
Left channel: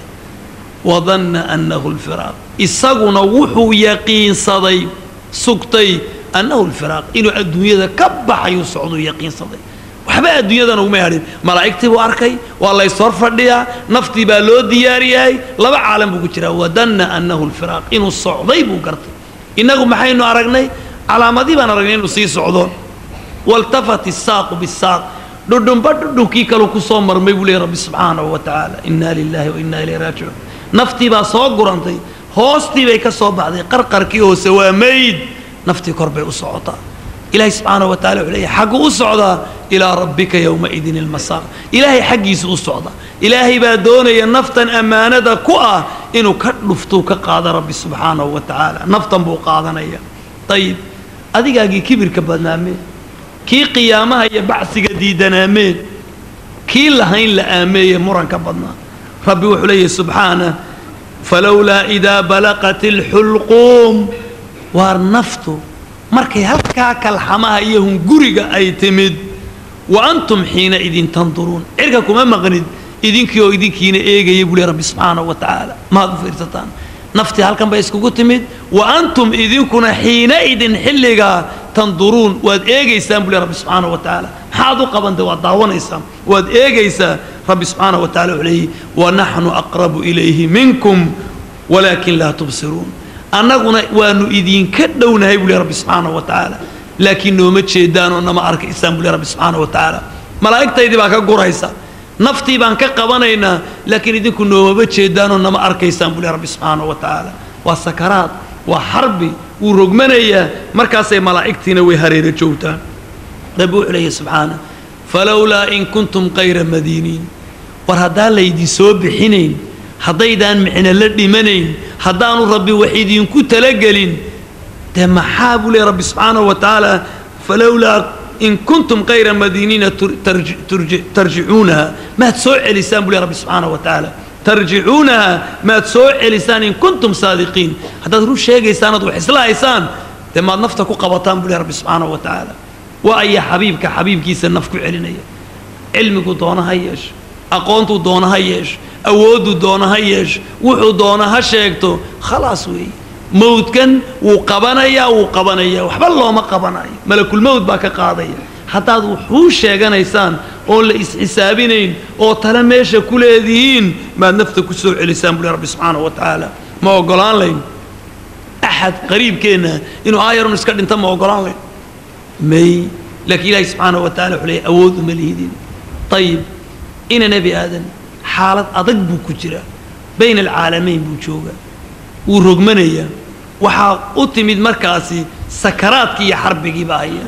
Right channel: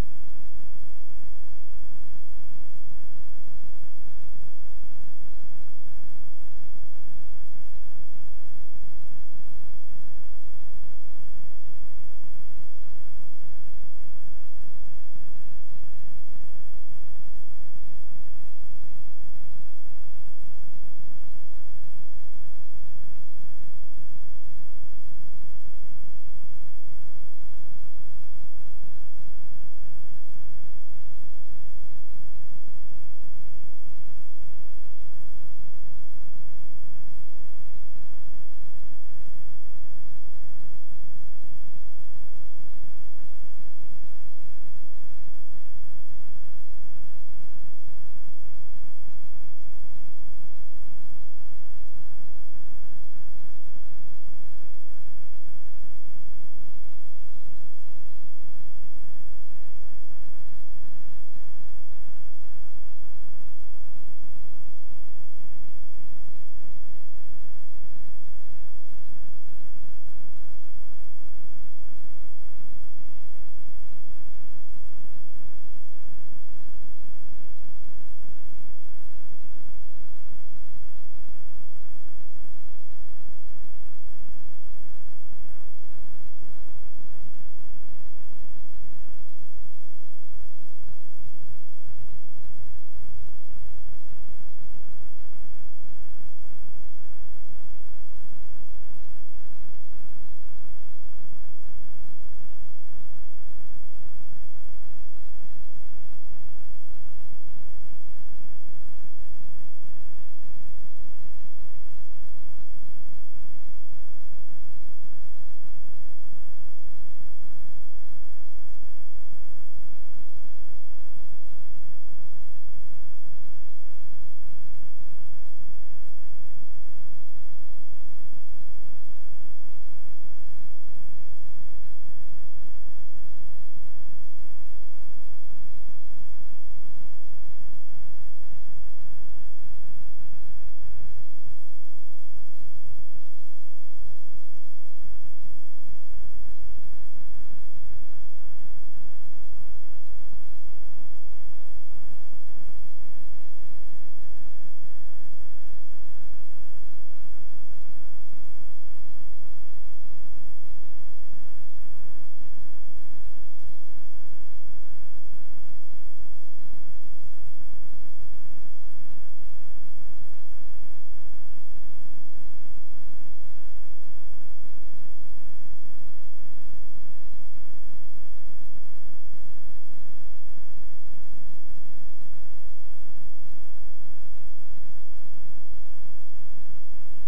وظن أنه الفراق إسقنا وحو يقين صدي سكتي أنه الفراق إنه الدنيا كبح يصعد يقين صدي وحبا الدنيا نو مهرين ملائكتي واركي والله يصور فرديا نفتي بالو ديارياي لبا عالم بو جرا ودن انه الفراق انه الصعدي بو قرت انغو maxaynu aragnay calaamadii baan aragnay inuu sii socdo waltafat الساق بالساق dudumba dudunki kale ku soo marmay buu leeyahay rabbi subhanahu wa ta'ala inna lillahi wa inna ilayhi raji'un nafti ba soo gurantay hoostii bay ka soo baxday qarqarkii hoose waa mayd nafti korbay u socotaa إلهي سبحانه وتعالى عليه حق أصعد إلى ربك يومئذ المساق إلهي حقيس أصعد إلهي بادون ينفتا أمانة كؤا إنه كنفتوك قاد ربي سبحانه وتعالى نفتا بو قادنا طيب أديك أجي كبير كبدنا مين كي قيامها يبعث جديدنا مين كي لهين لآمية مرن كبدنا ربي وحليه سبحانه فلولا إذا بلغت الحلقوم وارنفتو markay halka kalxamaha iyo hunguriga ay timid wa antum hina idin tanduruun irka kuma maqnid idinkiyo idinkiina eegay buu rabbi subhanahu wa ta'ala ma fiirsataan nafti halkan bay iskugu timid wa antum idinkuna hina idin xilliga tanduruun waad eegaysaan buu rabbi subhanahu wa ta'ala haadu qabanta waa daawanaysaan waad eegaysaan rabbi subhanahu wa ta'ala uleey wa nahnu aqrabu ilayhi minkum walakin la tubsirun annaguna waanu idin ka dhownahay buu rabbi subhanahu wa ta'ala laakiin nooma jeedaan oo nama arka isaan buu rabbi subhanahu wa ta'ala malaa'iktaydi baa ka guraysa naftii baan ka qabanaynaa laakiin idinku nooma jeedaan oo nama arkaysaan buu rabbi subhanahu wa ta'ala waa sakaraat waa harbi uu rogmanaya markaasay malaa'iktiina way hareero joogtaan rabbi wuxuu subhanahu falawla in kuntum qayra madinin war hadaa laydi soo bixinayn haddaydan micna la dhimanayn haddaanu rabbi wax idinku talagelin de maxaa buu leeyahay rabbi subhanahu wa ta'ala falawla in kuntum qayra madinina tarji'unaha ma soo celisaan buu leeyahay rabbi subhanahu wa ta'ala tarji'unaha ma soo celisaan in kuntum saadiqiin haddaad ruu sheegaysaan ad wax islaahaysaan de maad nafta ku qabataan buu leeyahay rabbi subhanahu wa ta'ala wa ay xabiibkiisa naf ku celinaya cilmigu doonaha yeesho aqoontu doonaha yeesho awoodu doonaha yeesho wuxuu doonaha sheegto khalaas weey mawdkan wuu qabanaya waxba looma qabanayo malakul mawd baa ka qaadaya hadaad wuxuu sheeganaysaan oo la isxisaabinayn oo tala meesha ku leedihiin ma nafta ku soo celisaan buu rabbi subhanahu wa ta'ala ma ogolaan layn ahad qariibkeena inuu aayarun iska dhinta ma ogolaan layn may laakiin ilaahay subhanahu wa ta'ala wuxuu awood uma leedin طيب إن نبي آدم حالة أضق بكجرة بين العالمين بوجوجا ورغمنية وحاقتمد مركزي سكرات كي حرب جباية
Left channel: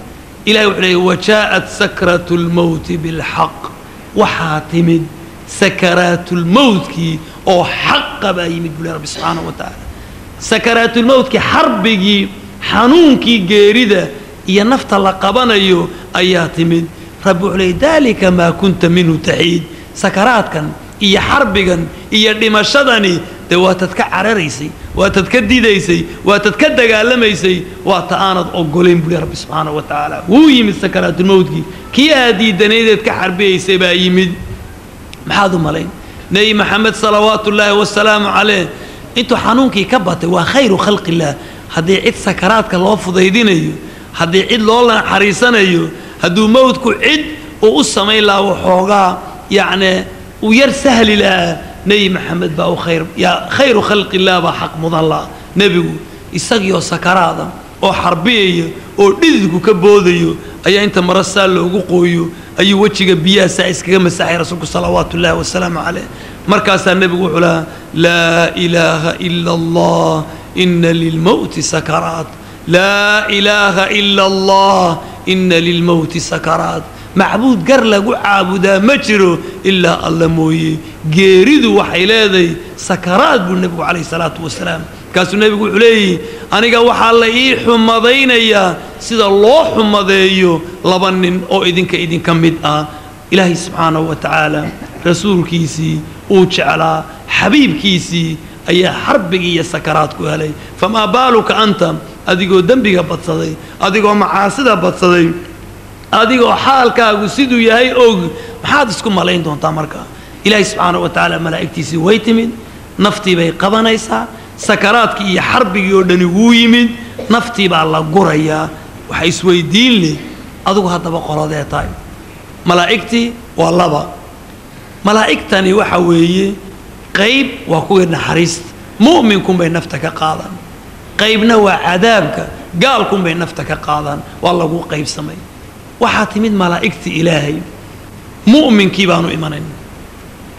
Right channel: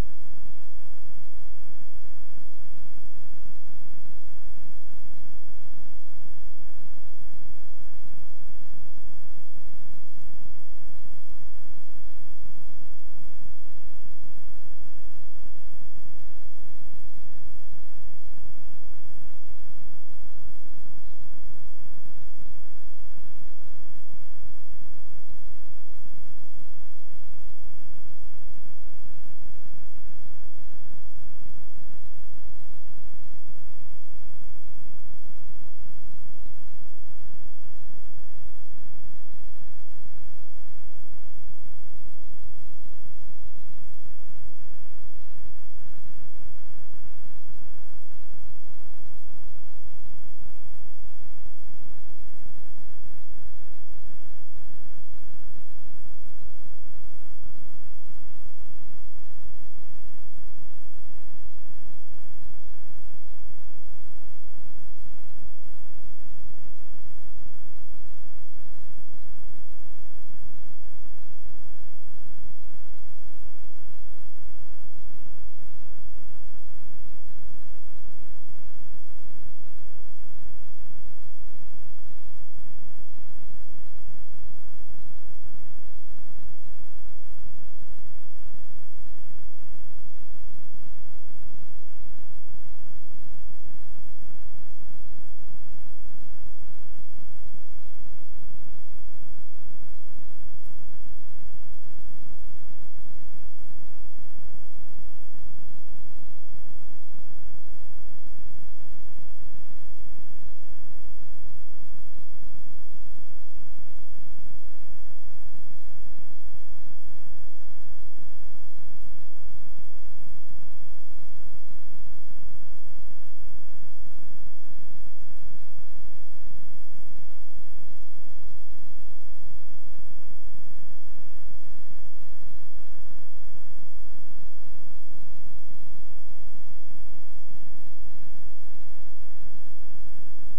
إلى وعليه وجاءت سكرة الموت بالحق وحاتمد سكرات الموت كي أو حق بايمد بلا رب سبحانه وتعالى سكرات الموت كي حرب جي حنون كي جيردة ينفت لقبنا أياتمد رب عليه ذلك ما كنت منه تحيد سكرات كان إيا حرب كان إيا دمشدني دواتتك عرريسي واتتك ديديسي واتتك دقالميسي واتآنض أقولين بلي رب سبحانه وتعالى ويمد سكرات الموت كي هادي دنيدتك حربيسي با يمد محاذو مالين نبي محمد صلوات الله والسلام عليه انتو حنونكي كبتي وخير خلق الله هدي عيد سكراتك الله فضيدينيو هدي عيد لولا حريصانيو هدو موتكو عيد وقصة الله وحوغا يعني وير سهل لا نبي محمد باو خير يا خير خلق الله بحق مضى نبي يسقيو سكراتا oo xarbiyo oo dhididku ka boodayo ayaa inta marasal loogu qooyo ayuu wajiga biyaha iskaga masaxay rasuulku sallallahu alayhi wasallam markaas nabigu wuxuu la ilaha illa allah inna lil mawt sakarat la ilaha illa allah inna lil mawt sakarat معبود قر لغو عابدا ما جرو الا الله مويه geeridu waxay leedahay sakaraad buu nabigu kaleey salaatu wasalaam kaasuu nabigu xuleeyay aniga waxa la ii xumadeynaya sida loo xumadeeyo laba nin oo idinka mid ah ilaahi subhanahu wa ta'ala rasuulkiisi uu jeclaa xabiibkiisi ayaa xarbiga iyo sakaraad ku helay fama baaluka anta adigoo dambiga badsaday adigoo macaasida badsaday adigoo xaalkaagu siduu yahay og maxaad isku malayn doontaa marka ilaahi subhanahu wa ta'ala malaa'iktiisi way timid naftii bay qabanaysaa sakaraadkii iyo xarbigii oo dhani wuu yimid naftii baa la gurayaa waxa isweydiin leh adigu hadaba qoladee tahay malaa'iktii waa laba malaa'igtani waxa weeye qayb waa kuwa naxariista mu'minkum bay nafta ka qaadan qaybna waa cadaabka gaalkum bay nafta ka qaadan waa lagu qaybsamay waxaa timid malaa'igti ilaahay mu'minkii baanu imanayn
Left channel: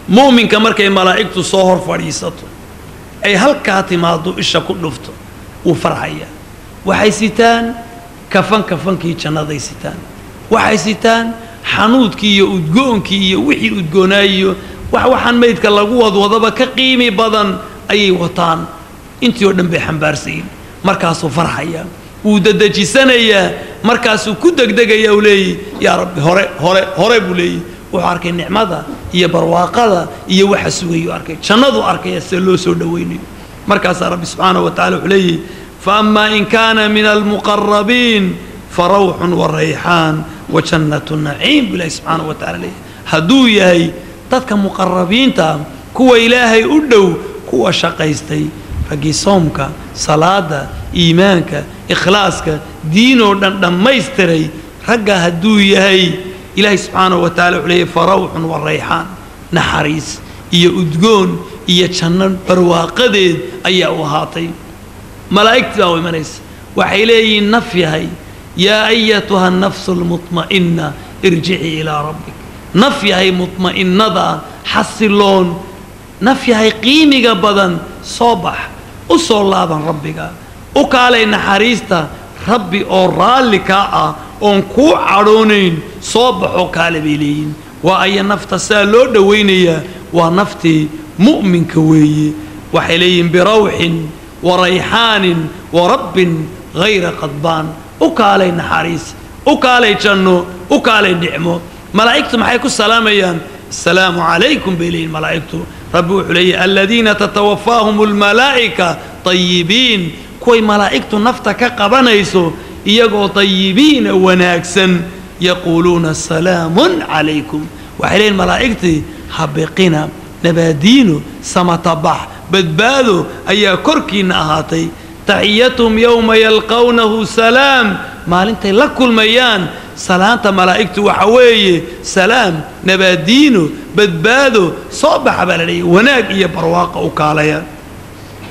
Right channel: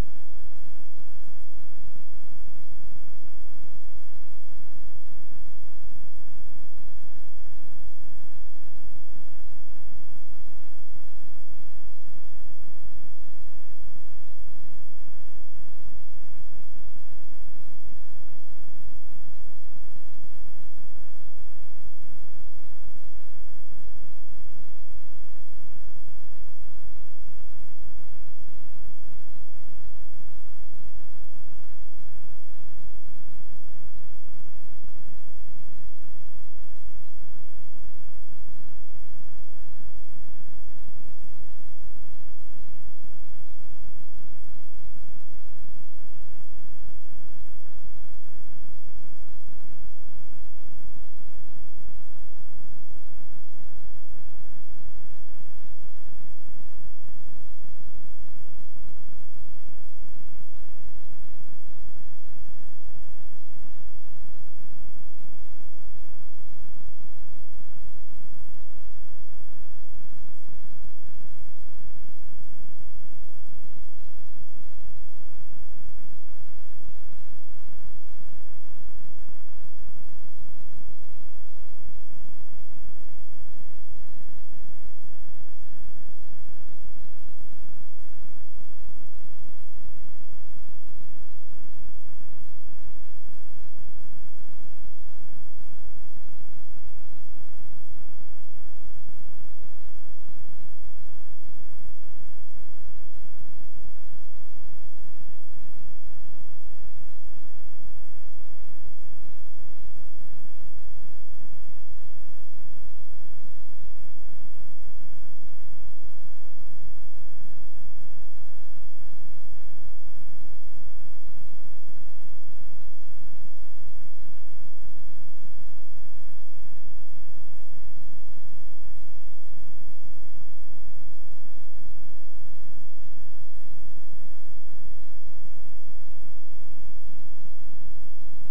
mu'minka markay malaa'igtu soo hor fadhiisato ay halkaa timaado isha ku dhufto uu farxaya waxay sitaan kafankii jannaday sitaan waxay sitaan xanuudkii iyo udgoonkii iyo wixii udgoonaayo waxaan meydka lagu wadwadaba ka qiimi badan ayay wataan intii oo dhan bay xambaarsayin markaasuu farxaya وددجسانيا مركز كدقدقة يا ولي يا رب هري بولي وحركة النعمة هي برواقة هي وحسوي أركي شنادو أركي السلوس ودويني مركز رب سبحانه وتعالى عليه فأما إن كان من المقربين فروح وريحان وجنة النعيم بالله سبحانه وتعالى هدو ياي تذك مقربين تام كوا إلهي أدو كوا شقيستي رجي صومك صلاة إيمانك إخلاصك دينه دم يستري رجع هدو يهي إلهي سبحانه وتعالى عليه فروح والريحان نحريس إيا أدقون إيا تشنن برواقدين أيا وهاطي ملائكة أو منيس وحيلي النفي يا أيتها النفس المطمئنة ارجعي إلى ربك نفي هي مطمئنة حصلون نفي هي قيمة بدن صباح وصل الله بن ربك وقال نحريستا ربي أورالك أنكو عرونين صباح وقال بيلين وأي نفط سالو دوينية ونفتي مؤمن كوي وحليم بروح وريحان ورب غير قضبان وقال نحريس وقال جنو وقال نعمو ملائكته محيكو السلام أيان السلام عليكم بلين ملائكته ربي وحلي الذين تتوفاهم الملائكة طيبين كوي ملائكته نفتك قبنيسو يقو طيبين وناكسن يقولون السلام عليكم وحلي الملائكة حبقنا نبادينو سمطبح بدبادو أي كركي نهاتي تحيتهم يوم يلقونه سلام ما انت لكل ميان سلامة ملائكته وحويه سلام نبادينه بدبادو صبح بلدي وناك إيا برواقه وكاليا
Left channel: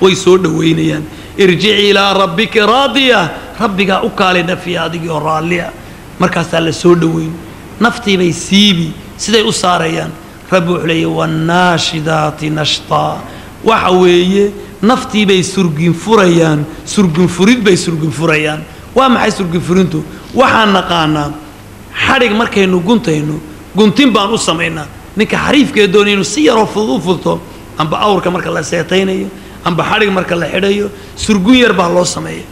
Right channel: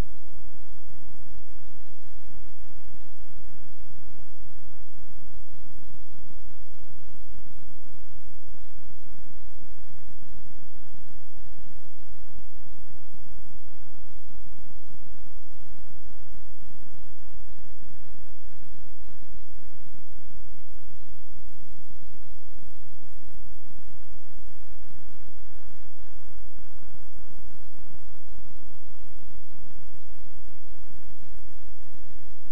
ويسود وينيان ارجعي إلى ربك راضية ربك أكالي في هذه الرالية مركز على سود وين نفتي بيسيبي سيدي أساريان ربي عليه والناشدات نشطا وحويه نفتي بي سرقين فريان سرقين فريد بي سرقين فريان وما حي سرقين فرينتو وحان نقانا حرق مركينو قنتينو قنتين بان أسامينا نكا حريف كيدونينو سيارو فضوفضو أم بأورك مركا الله سيطينيو أم بحرق مركا الله حديو سرقين يربع الله سميه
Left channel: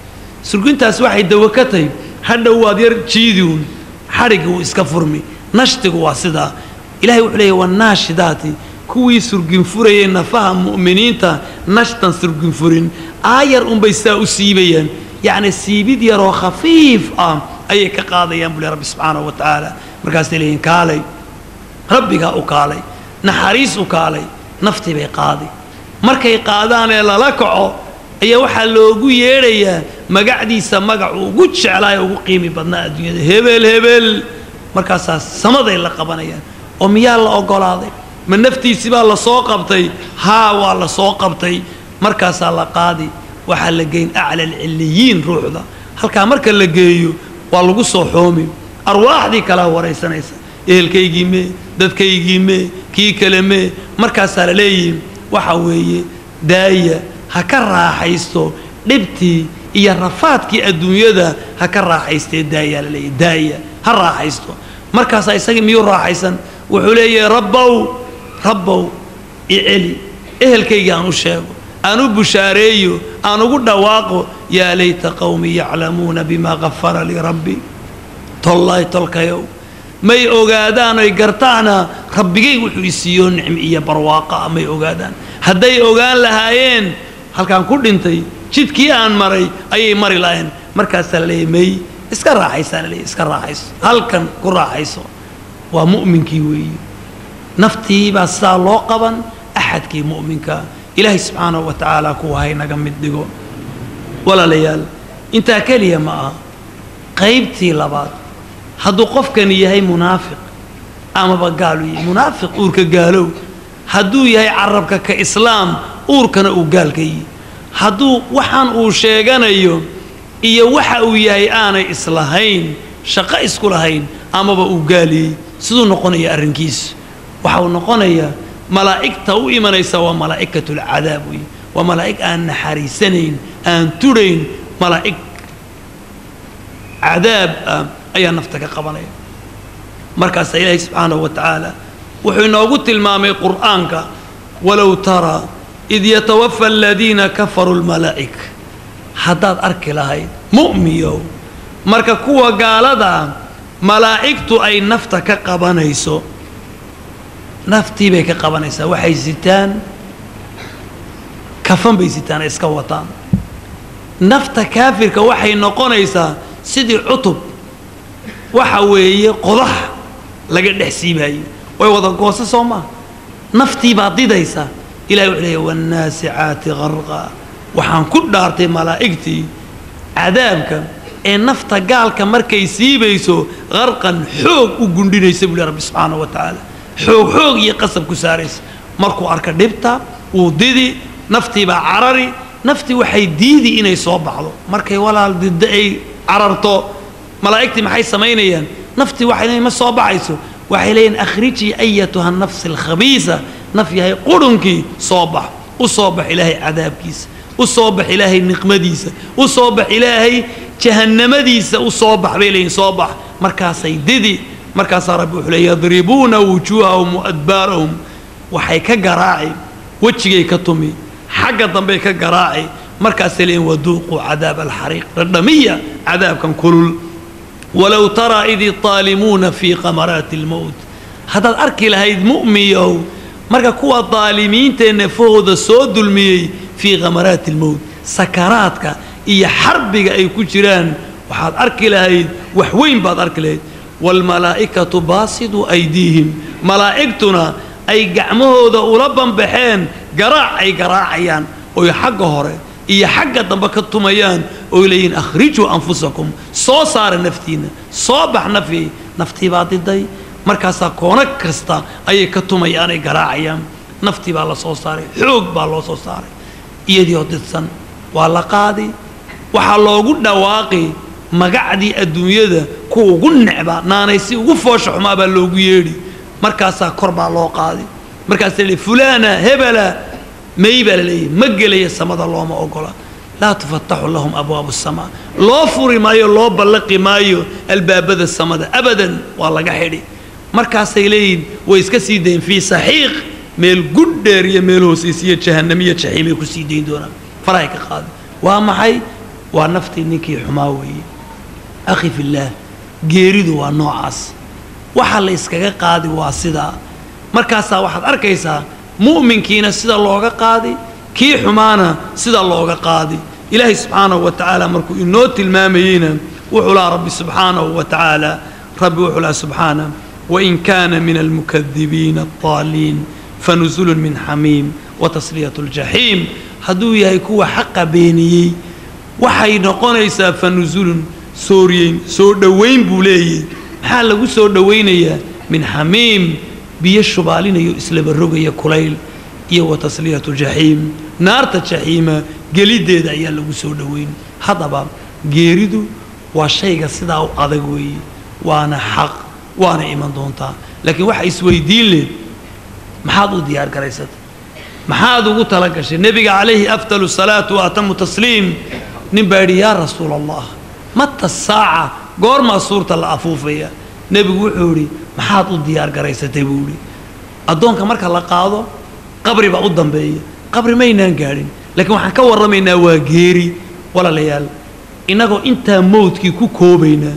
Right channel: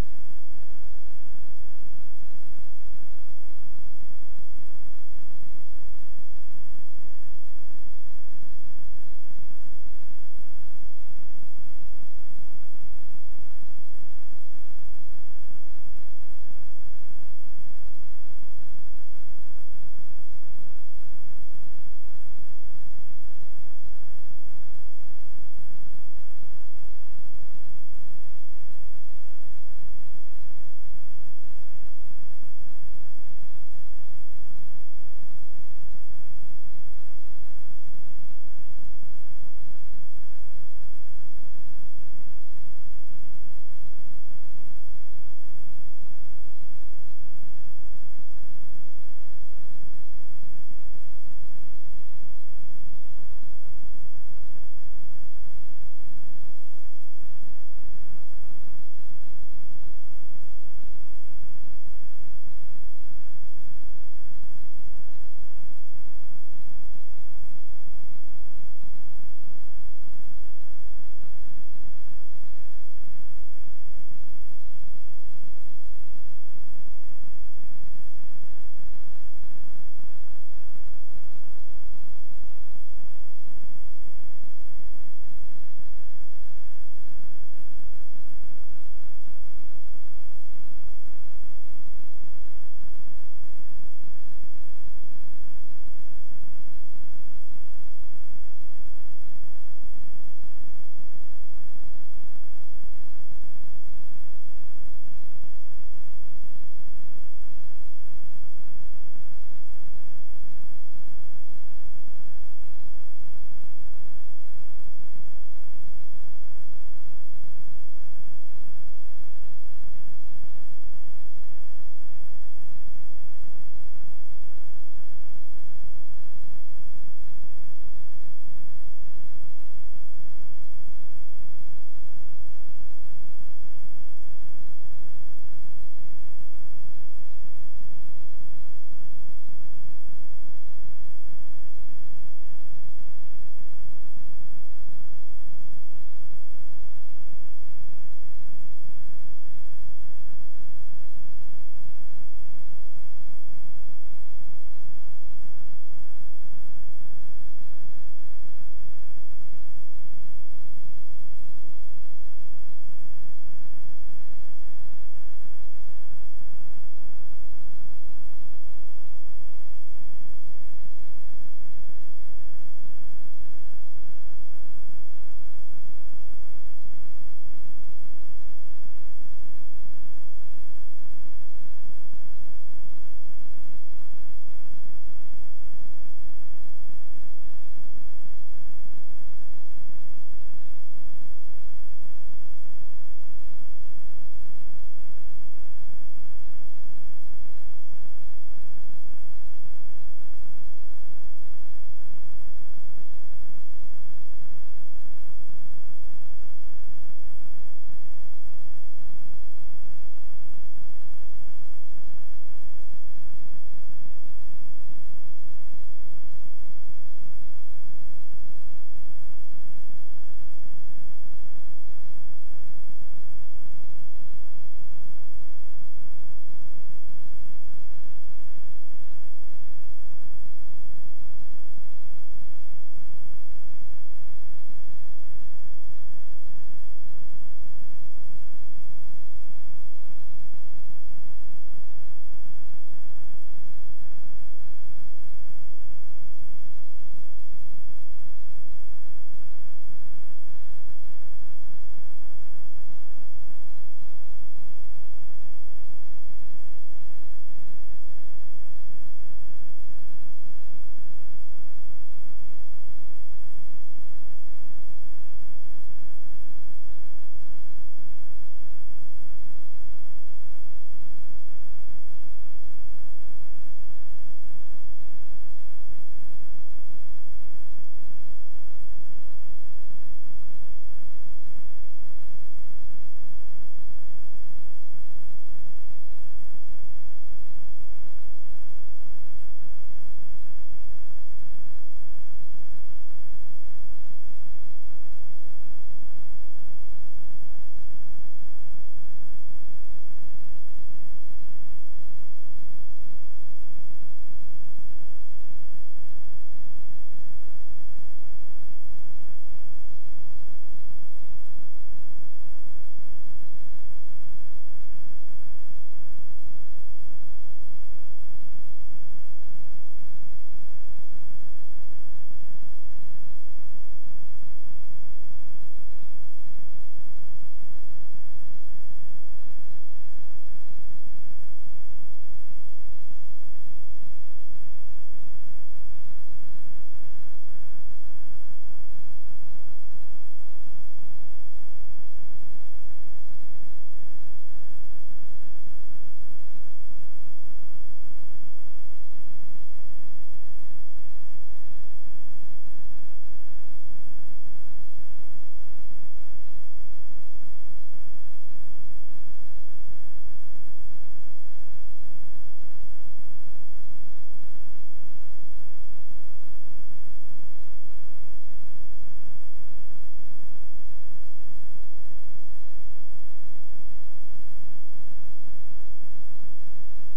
سرقين تاس واحد دوكتي هذا هو دير جيدون حرق هو اسكفرمي نشتق واسدا إلهي وحليه والناشدات كوي سرقين فريين نفهم مؤمنين تا نشطن سرقين فرين آير بيساو سيبيا يعني السيبيد يرو خفيف أي كقاضي ينبلي رب سبحانه وتعالى مركز لين كالي ربي كالي نحريس كالي نفتي بي قاضي مركي قادان إلا لكعو أي وحا لوغو يريا مقعديسا مقعو قدش علاي وقيمي بدنا الدنيا هبل هبل مركز سمضي اللي قبانيا وميال الله أقول من نفتي سبا الله سوقبتي ها والله سوقبتي مركز الله قاضي وحا لقين أعلى العليين روح ذا هل كان مركز لقيو والله قصو حومي أرواح دي كلا وريسا نيسا إهل كيجي مي داد كيجي مي كي كلمي مركز لليين وحاوي داية هكرا حيستو لبتي إيا رفاتكي الدنيا دا هكرا حيستي داية للي داية هرا حيستو مركز يساقي ميور راحيسا وحولي ربو إعلي إهل كيجي أنو شاقو أنو بشاريو أنو قد واقو يا ليت قومي يعلمون بما غفر لي ربي طالله تلقيو ماي اوغادان اي غرتانا ربيغي وحو يسيو نعم iyo barwaaqa may ogaadaan haday ogaan lahaayeen halkan ku dhintay jidkii aan maray ayay mari lahayn markaas la leeyay iska raaxaysan leey iska raaxayso halkan ku raaxayso waa mu'minkii weey naftii ba saa loo qaban ahadkii mu'minka ilaahi subhanahu wa ta'ala ku hay naga mid dhigo wala layal inta kaliya ma qaybtii labaad هادو قفكن يهي منافق أما بقالوا منافق أورك قالوا هادو يهي عربك كإسلام أوركنا أقال كي هادو وحان أوشيغان أيو إيا وحا يهي آنا إصلاحين شقا إسكولهين أما بقالي سدو نقون يا أرنكيس وحاو نقون يا ملائكة وإيمان يسوى ملائكة العذاب وملائكة أن حريسنين أن ترين ملائكة عذاب أي نفتك قبلي مركز إلهي سبحانه وتعالى وحين قلت المامي قرآنك ولو ترى إذ يتوفى الذين كفروا الملائكة حداد أركي لهاي مؤميو مركز كوا قال دا ملائكة أي نفتك قبنيسو نفتي بك قبنيسو وحي زيتان كفن بي زيتان اسكوتان نفت كافر كوحي نقونيسا سيدي عطب وحوي قضح لقد حسيبها ويوضا قوسا صوما نفتي بعضي ديسا إلى يعلي والناسعات غرقا وحان كل دارتي ملائكتي عذابك إن نفت قالك مركي سيبيسو غرقا حوق وقندين يسيب لي رب سبحانه وتعالى حوق يقصب كساريس مركو أركا دبتا وديدي نفتي بعرري نفتي وحي ديدي إني صوب بعضه مركي ولا ضد أي عررته ملائكتي محي سمينيا نفتي وحي ما صوب عيسو وحي لين أخرجي أيتها النفس الخبيثة نفي هي قرنكي صوبح وصوبح إلهي عذاب كيس وصوبح إلهي النقمديس وصوبح إلهي جهنم ديس وصوبح بيلين صوبح مركاسي ديدي مركاس ربي وحلي يضربون وجوههم وأدبارهم وحي كقراعي وجهي كتمي حق ضمبي كقراعي مركز لين وذوقوا عذاب الحريق ردمية عذاب كان كل ولو ترى إذ الظالمون في غمرات الموت هذا الأرك لهي مؤمية مركز كوا الظالمين تنفوذ الصود المي في غمرات الموت سكراتك إيا حربك أي كجران وحاد أرك لهي وحوين بعد أرك لهي والملائكة باسطوا أيديهم ملائكتنا أي قعمه ذا ولبا بحين قراع أي قراعيان ويحق هوري إيا حق دنبكتميان ويلين أخرجوا أنفسكم صو صار نفتينا صوبح نفتي بعد الدي مركزا كونك كستا أي كتميان أي قراعيان نفتي بالله صو صاري حوق بالله صو صاري إيا دي ودتسن والله قادي وحالله قد واقي مقعدي الدنيا ذا كو قنعبا نانيسي وفوش حما بالله يري مركاسا كربا لو قادي مركاسا لي فلانة هبلا ميبلا لي مقلي السماء الله ما أقول لا تفتح لهم أبواب السماء لا فري مايو لا بلقي مايو الباب ذا السماء أبدا والله قحيري مركاسا لين ويسكسيدين في صحيح ميل قدر يميل هوسيسية جهنمية شحيمي كسيدين دونا فرايك قادي وما حي ونفتي نكي حماوي أخي في الله جيريدو ونوعاس وحال إسكاقا قادي واسدا markaasaa waxaad arkaysaa mu'minkiina sida looga qaadi kii xumaana sida looga qaadi ilaahay subxaanahu wa tacaala markuu inoo tilmaamayeyna wuxuu lahaa rabbi subxaanahu wa tacaala rabbi wuxuu lahaa subxaana wain kaana min almukadibiina addaaliin fanuzulun min xamiim watasriyatu ljaxiim hadduu yahay kuwa xaqa beeniyey waxay noqonaysaa fanuzulun sooriyeyn soo dhowayn buu leeyahy maxaa lagu soo dhowaynayaa min xamiim biyo shubaalinayo islaba rogaya kulayl iyo watasliyatu jaxiim naarta jaxiima gelideeda ayaa lagu soo dhowayn haddaba geeridu waa shayga sidaa u adag weeye waana xaq waana iman doontaa laakiin waxa isweydiin leh maxaad u diyaar garaysatay maxaad ugu tala gashay nebiga calayhi afdalu salaatu wa atamu tasliim nin baa yidhi yaa rasuula allah mata saaca goormaa suurta la afuufaya nebigu wuxuu yidhi maxaad u diyaar garaysatay buu yidhi addoonka marka la qaado qabri baa u dambeeya qabri maynaan gaadhin laakiin waxaan ka warramaynaa waa geeri walaalayaal innagoo intaa mawdkii ku koobaynaa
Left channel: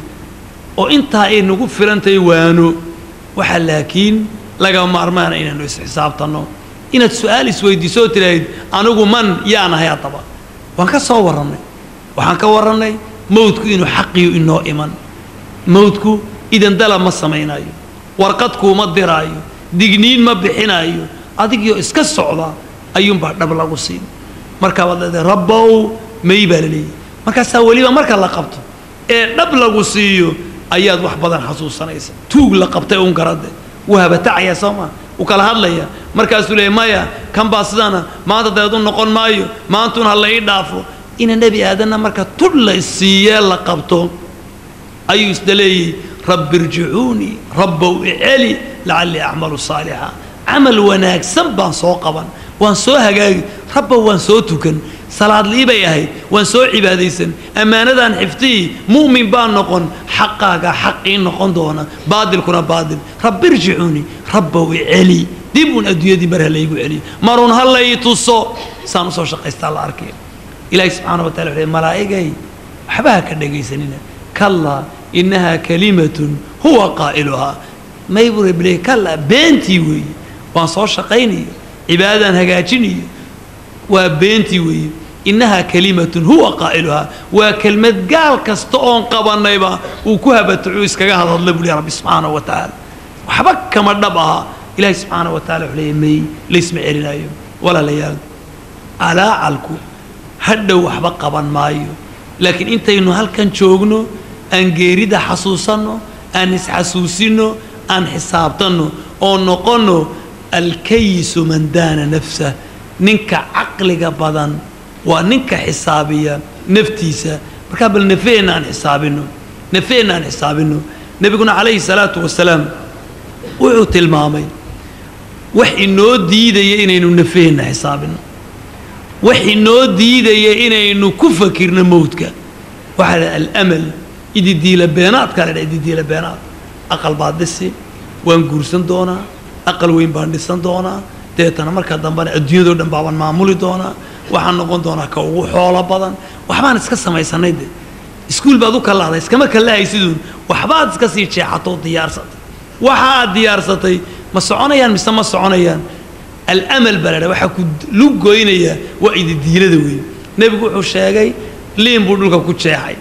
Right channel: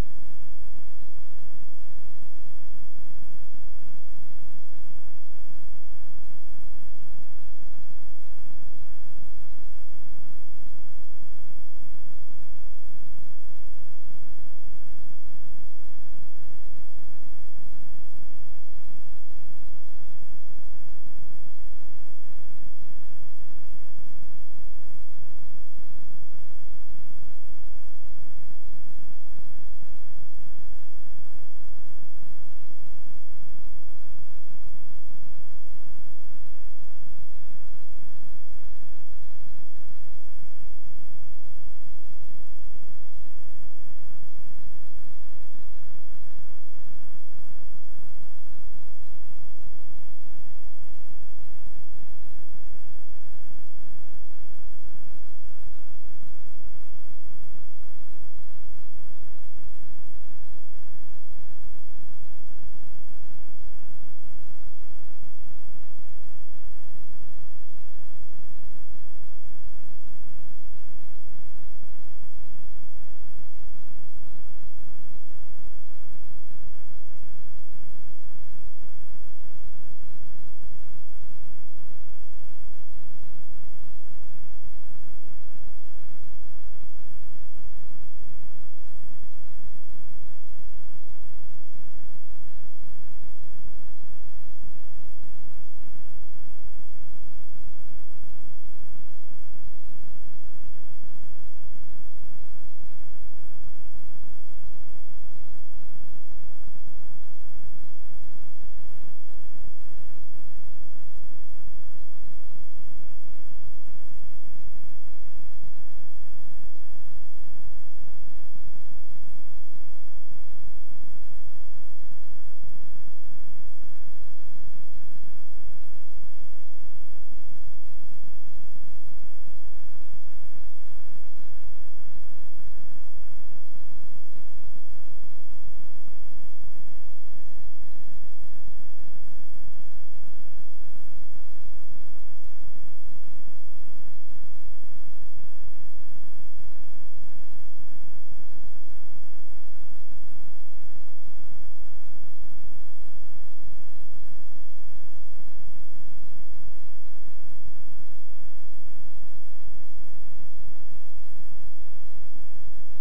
oo intaa ay nagu filantahay waano waxaa laakiin laga maarmaana inaanu isxisaabtanno inaad su'aal isweydiisoo tiraahid anigu man yaanahay haddaba waan ka soo warrannay waxaan ka warrannay mawdku inuu xaqiyo inoo iman mawdku idan dalab ma samaynayo warqad kuuma diraayo digniin ma bixinaayo adigyo iska socda ayuunbaa dhab lagu siin markaa baad leedahay rabbow may baa la leeyahy markaasaa weliba marka la qabto ee dhab lagu siiyo ayaad wax badan xasuusanaysa tuug la qabtay uun garade wuu habatacaya soo maa wuu kala hadlaya markaasuu leeyahy maya kan baa sidana maanta dabeed u noqon maayo maantuun ha la ii dhaafo ina nebi aadanna marka tudh la siiyee la qabto ayuu isda leeyahy rabbi irjicuunii rabbow iceli lacallii acmalu saalixa camal wanaagsan baan soo qaban waan soo hagaagi rabbow waan soo tukan salaad lii bay ahayd waan soo cibaadaysan ammaanadaan xiftii mu'min baan noqon xaqaaga xaqii noqon doona baadilkuna baadil rabbi irjicuunii rabbow iceli dib uun adduunyadii mar ha laygu celiyo marun ha lay tuso saan usoo shaqaystaa la arkay ilaahi subxaana wa tacala wuxuu malaa'igay waxba ha ka dhegaysanina kallaa innahaa kalimatun huwa qaa'iluhaa may buu rabbi leeyahy kallaa beentii weeye waan soo shaqaynayo cibaadadaan hagaajinayo waa beentii weeye innahaa kalimatun huwa qaa'iluhaa waa kelmad gaal kasta oon qabannayba uu ku habatucuu iskaga hadadla buu leeyahy rabbi subxaanahu wa tacaala waxba kama dhab aha ilaahi subxaanahu wa tacala wuxuu leeyahy may laysma celinaayo walaalayaal alaacalku hadhow waxba qaban maayo laakiin intaynu halkan joogno aan geerida xasuusanno aan isxasuusinno aan xisaabtanno oo noqonno alkayisu man daana nafsah ninka caqliga badan waa ninka xisaabiya naftiisa markaa bal nafeenna aan xisaabinno nebiguna calayhi salaatu wasalaam wuxuu tilmaamay wax inoo diidaya inaynu nafeenna xisaabinno wax inoo diidaya inaynu ku fakirno mawdka waxaa la alamal ididiila beenaadka la dhaa ididiila beenaad aqal baad dhisi waan guursan doonaa aqal weyn baan dhisan doonaa deetana marka dambena adduunyadoo dhan baabaan maamuli doonaa waxaan noqon doonaa ka ugu xoolo badan waxbaan iska samaysanay de iskuul baad u kalahday iskama kalahaysiduun waxbaad iska sii jeexatoo diyaarsatay waxa aad diyaarsatay ma soconayaan mise ma soconayaan alamal baa la dhaa waxaa ku lug goynayaa waa ididiilada weyn nebigu wuxuu sheegay liin buu dhulka ku jeexay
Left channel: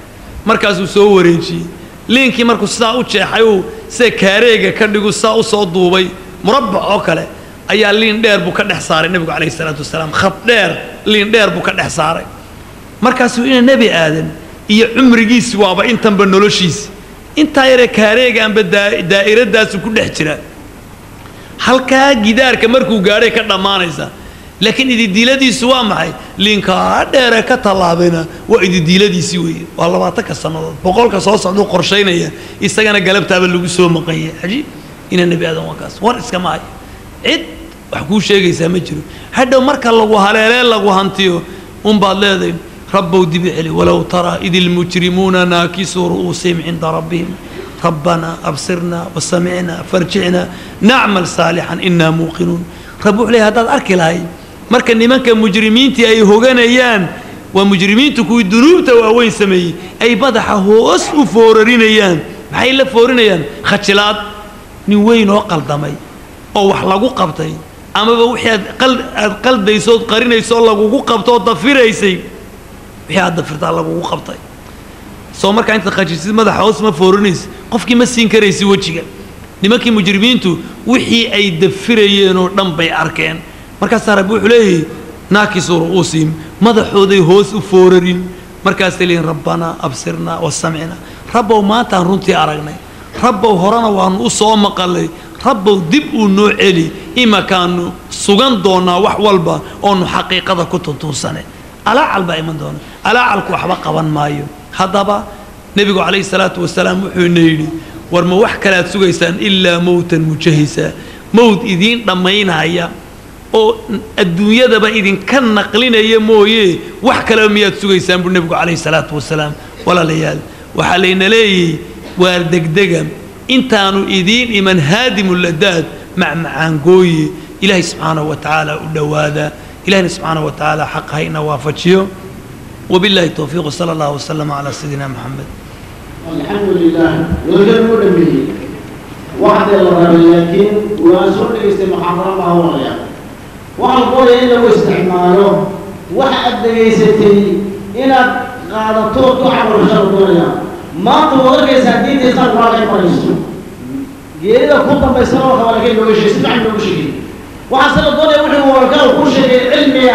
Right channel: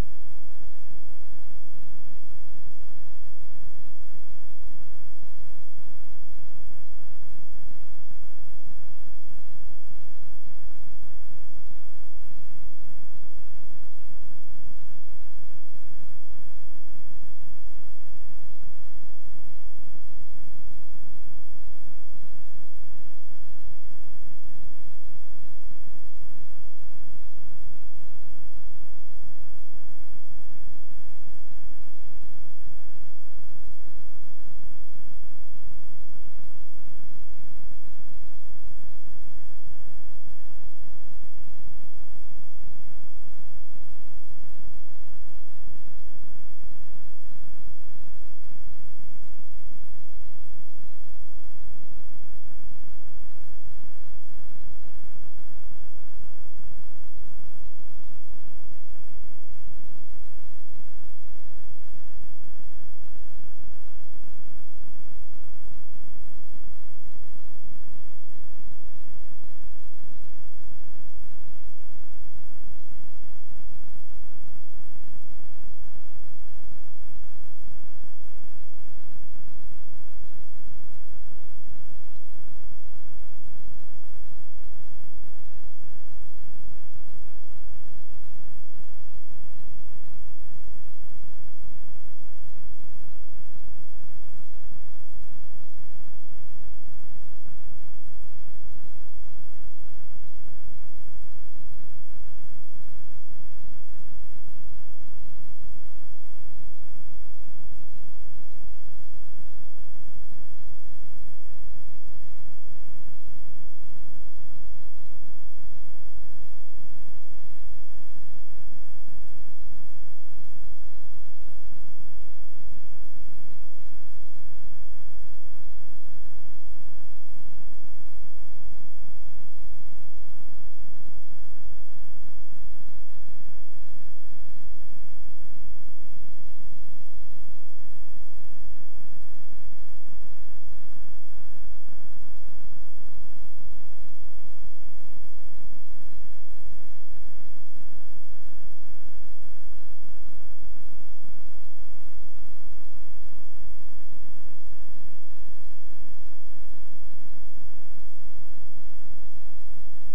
markaasuu soo wareejiyey liinkii markuu sidaa u jeexay uu sida kaareega ka dhigu sidaa u soo duubay murabbac oo kale ayaa liin dheer buu ka dhex saaray nebigu calayhi salaatu wasalaam khad dheer liin dheer buu ka dhex saaray markaasuu ina nebi aadan iyo cumrigiisi waaba intanba noloshiisi intaa yaree kaareegaanba daa'iradaasu ku dhex jira halkaa gidaarka markuu gaadhay ka dhammaanaysa laakiin ididiiladiisu waa maxay liinkaa dheere ka tallaabayna waa ididiiladiisii weeye waa 20ka sannadood 100ka soo socduu qorshaynaya isagana galabtaaba lagu soo maqanya cajiib ina nebi aadan waa kaas war iskama hayo cid wax kuu sheegaysaa ma jiro hadhow marka lagu haleelee lagu hantiyo unbaad leedahay rabbow dibi celi walow taraa id ilmujrimuuna naakisuu ru'uusihim cinda rabbihim ربنا أبصرنا وسمعنا فارجعنا نعمل صالحا إنا موقنون رب عليه هذا أركي لهاي مركن نمانك مجرمين تي أي هوغان أيان ومجرمين تكوي الذنوب تواوين سمي أي بدح هوس وفوررين أيان محي لا فورين أيان خدشلات نوين وقل دمي oo wax lagu qabtay ama wixii aad qalbayso qarinayso lagu qabto dafiraysay wixii aad dafirtaa lagu qabtay soo marka inta qajisid madaxa hoos ma foorinaysa qofkii ma siin karaysi wajiga nimankii mujrimiintu wixii ay dafirayeen oo dhan bay arkeen markaas Rabbi wuxuu leeyahay naakisu ru'uusim madaxooday hoos u foorarin markaas leeyahay rabbana absirna wasam'ina rabbow maanta runtii aragnay rabbow horana waan u soo maqalay rabbow dib u noo celi ima kaanu sugan doona wax walba oo nu xaqiiqada ku tuntuusanay ala alba iman doona ala alku waxba qaban maayo hadaba nabigu kaleey salaatu wasalaam wuxuu neeyay war ma wax kala sugaysaan illa mawtan mujahisa mawt idin dhamaynaya oo adduunyadaba idin ka naqlinaya mooyee wax kale miyaad sugaysaan buu nabigu kaleey salaatu wasalaam wala layaal waxa leeyna leeyay waar degdega intaanu idin iman haadimul ladad macmacaan gooyi ilaahi subhanahu wa ta'ala u dhawaada ilaahi subhanahu wa ta'ala xaqayna waafajiyo وبالله التوفيق صلى الله وسلم على سيدنا محمد الحمد لله وجل به واحد لكن وأنصر الاستمحاضرة ما هو غير وأقول إنه استعماله واحد يستي إلى قادته تعبر شرطنا ما تقول كيسادين يسمع ولا يقرأ إذا كنت بيسمع ولا كيلو شيء سمع له شيء وحصل الدنيا وحده وقال كل شيء علمي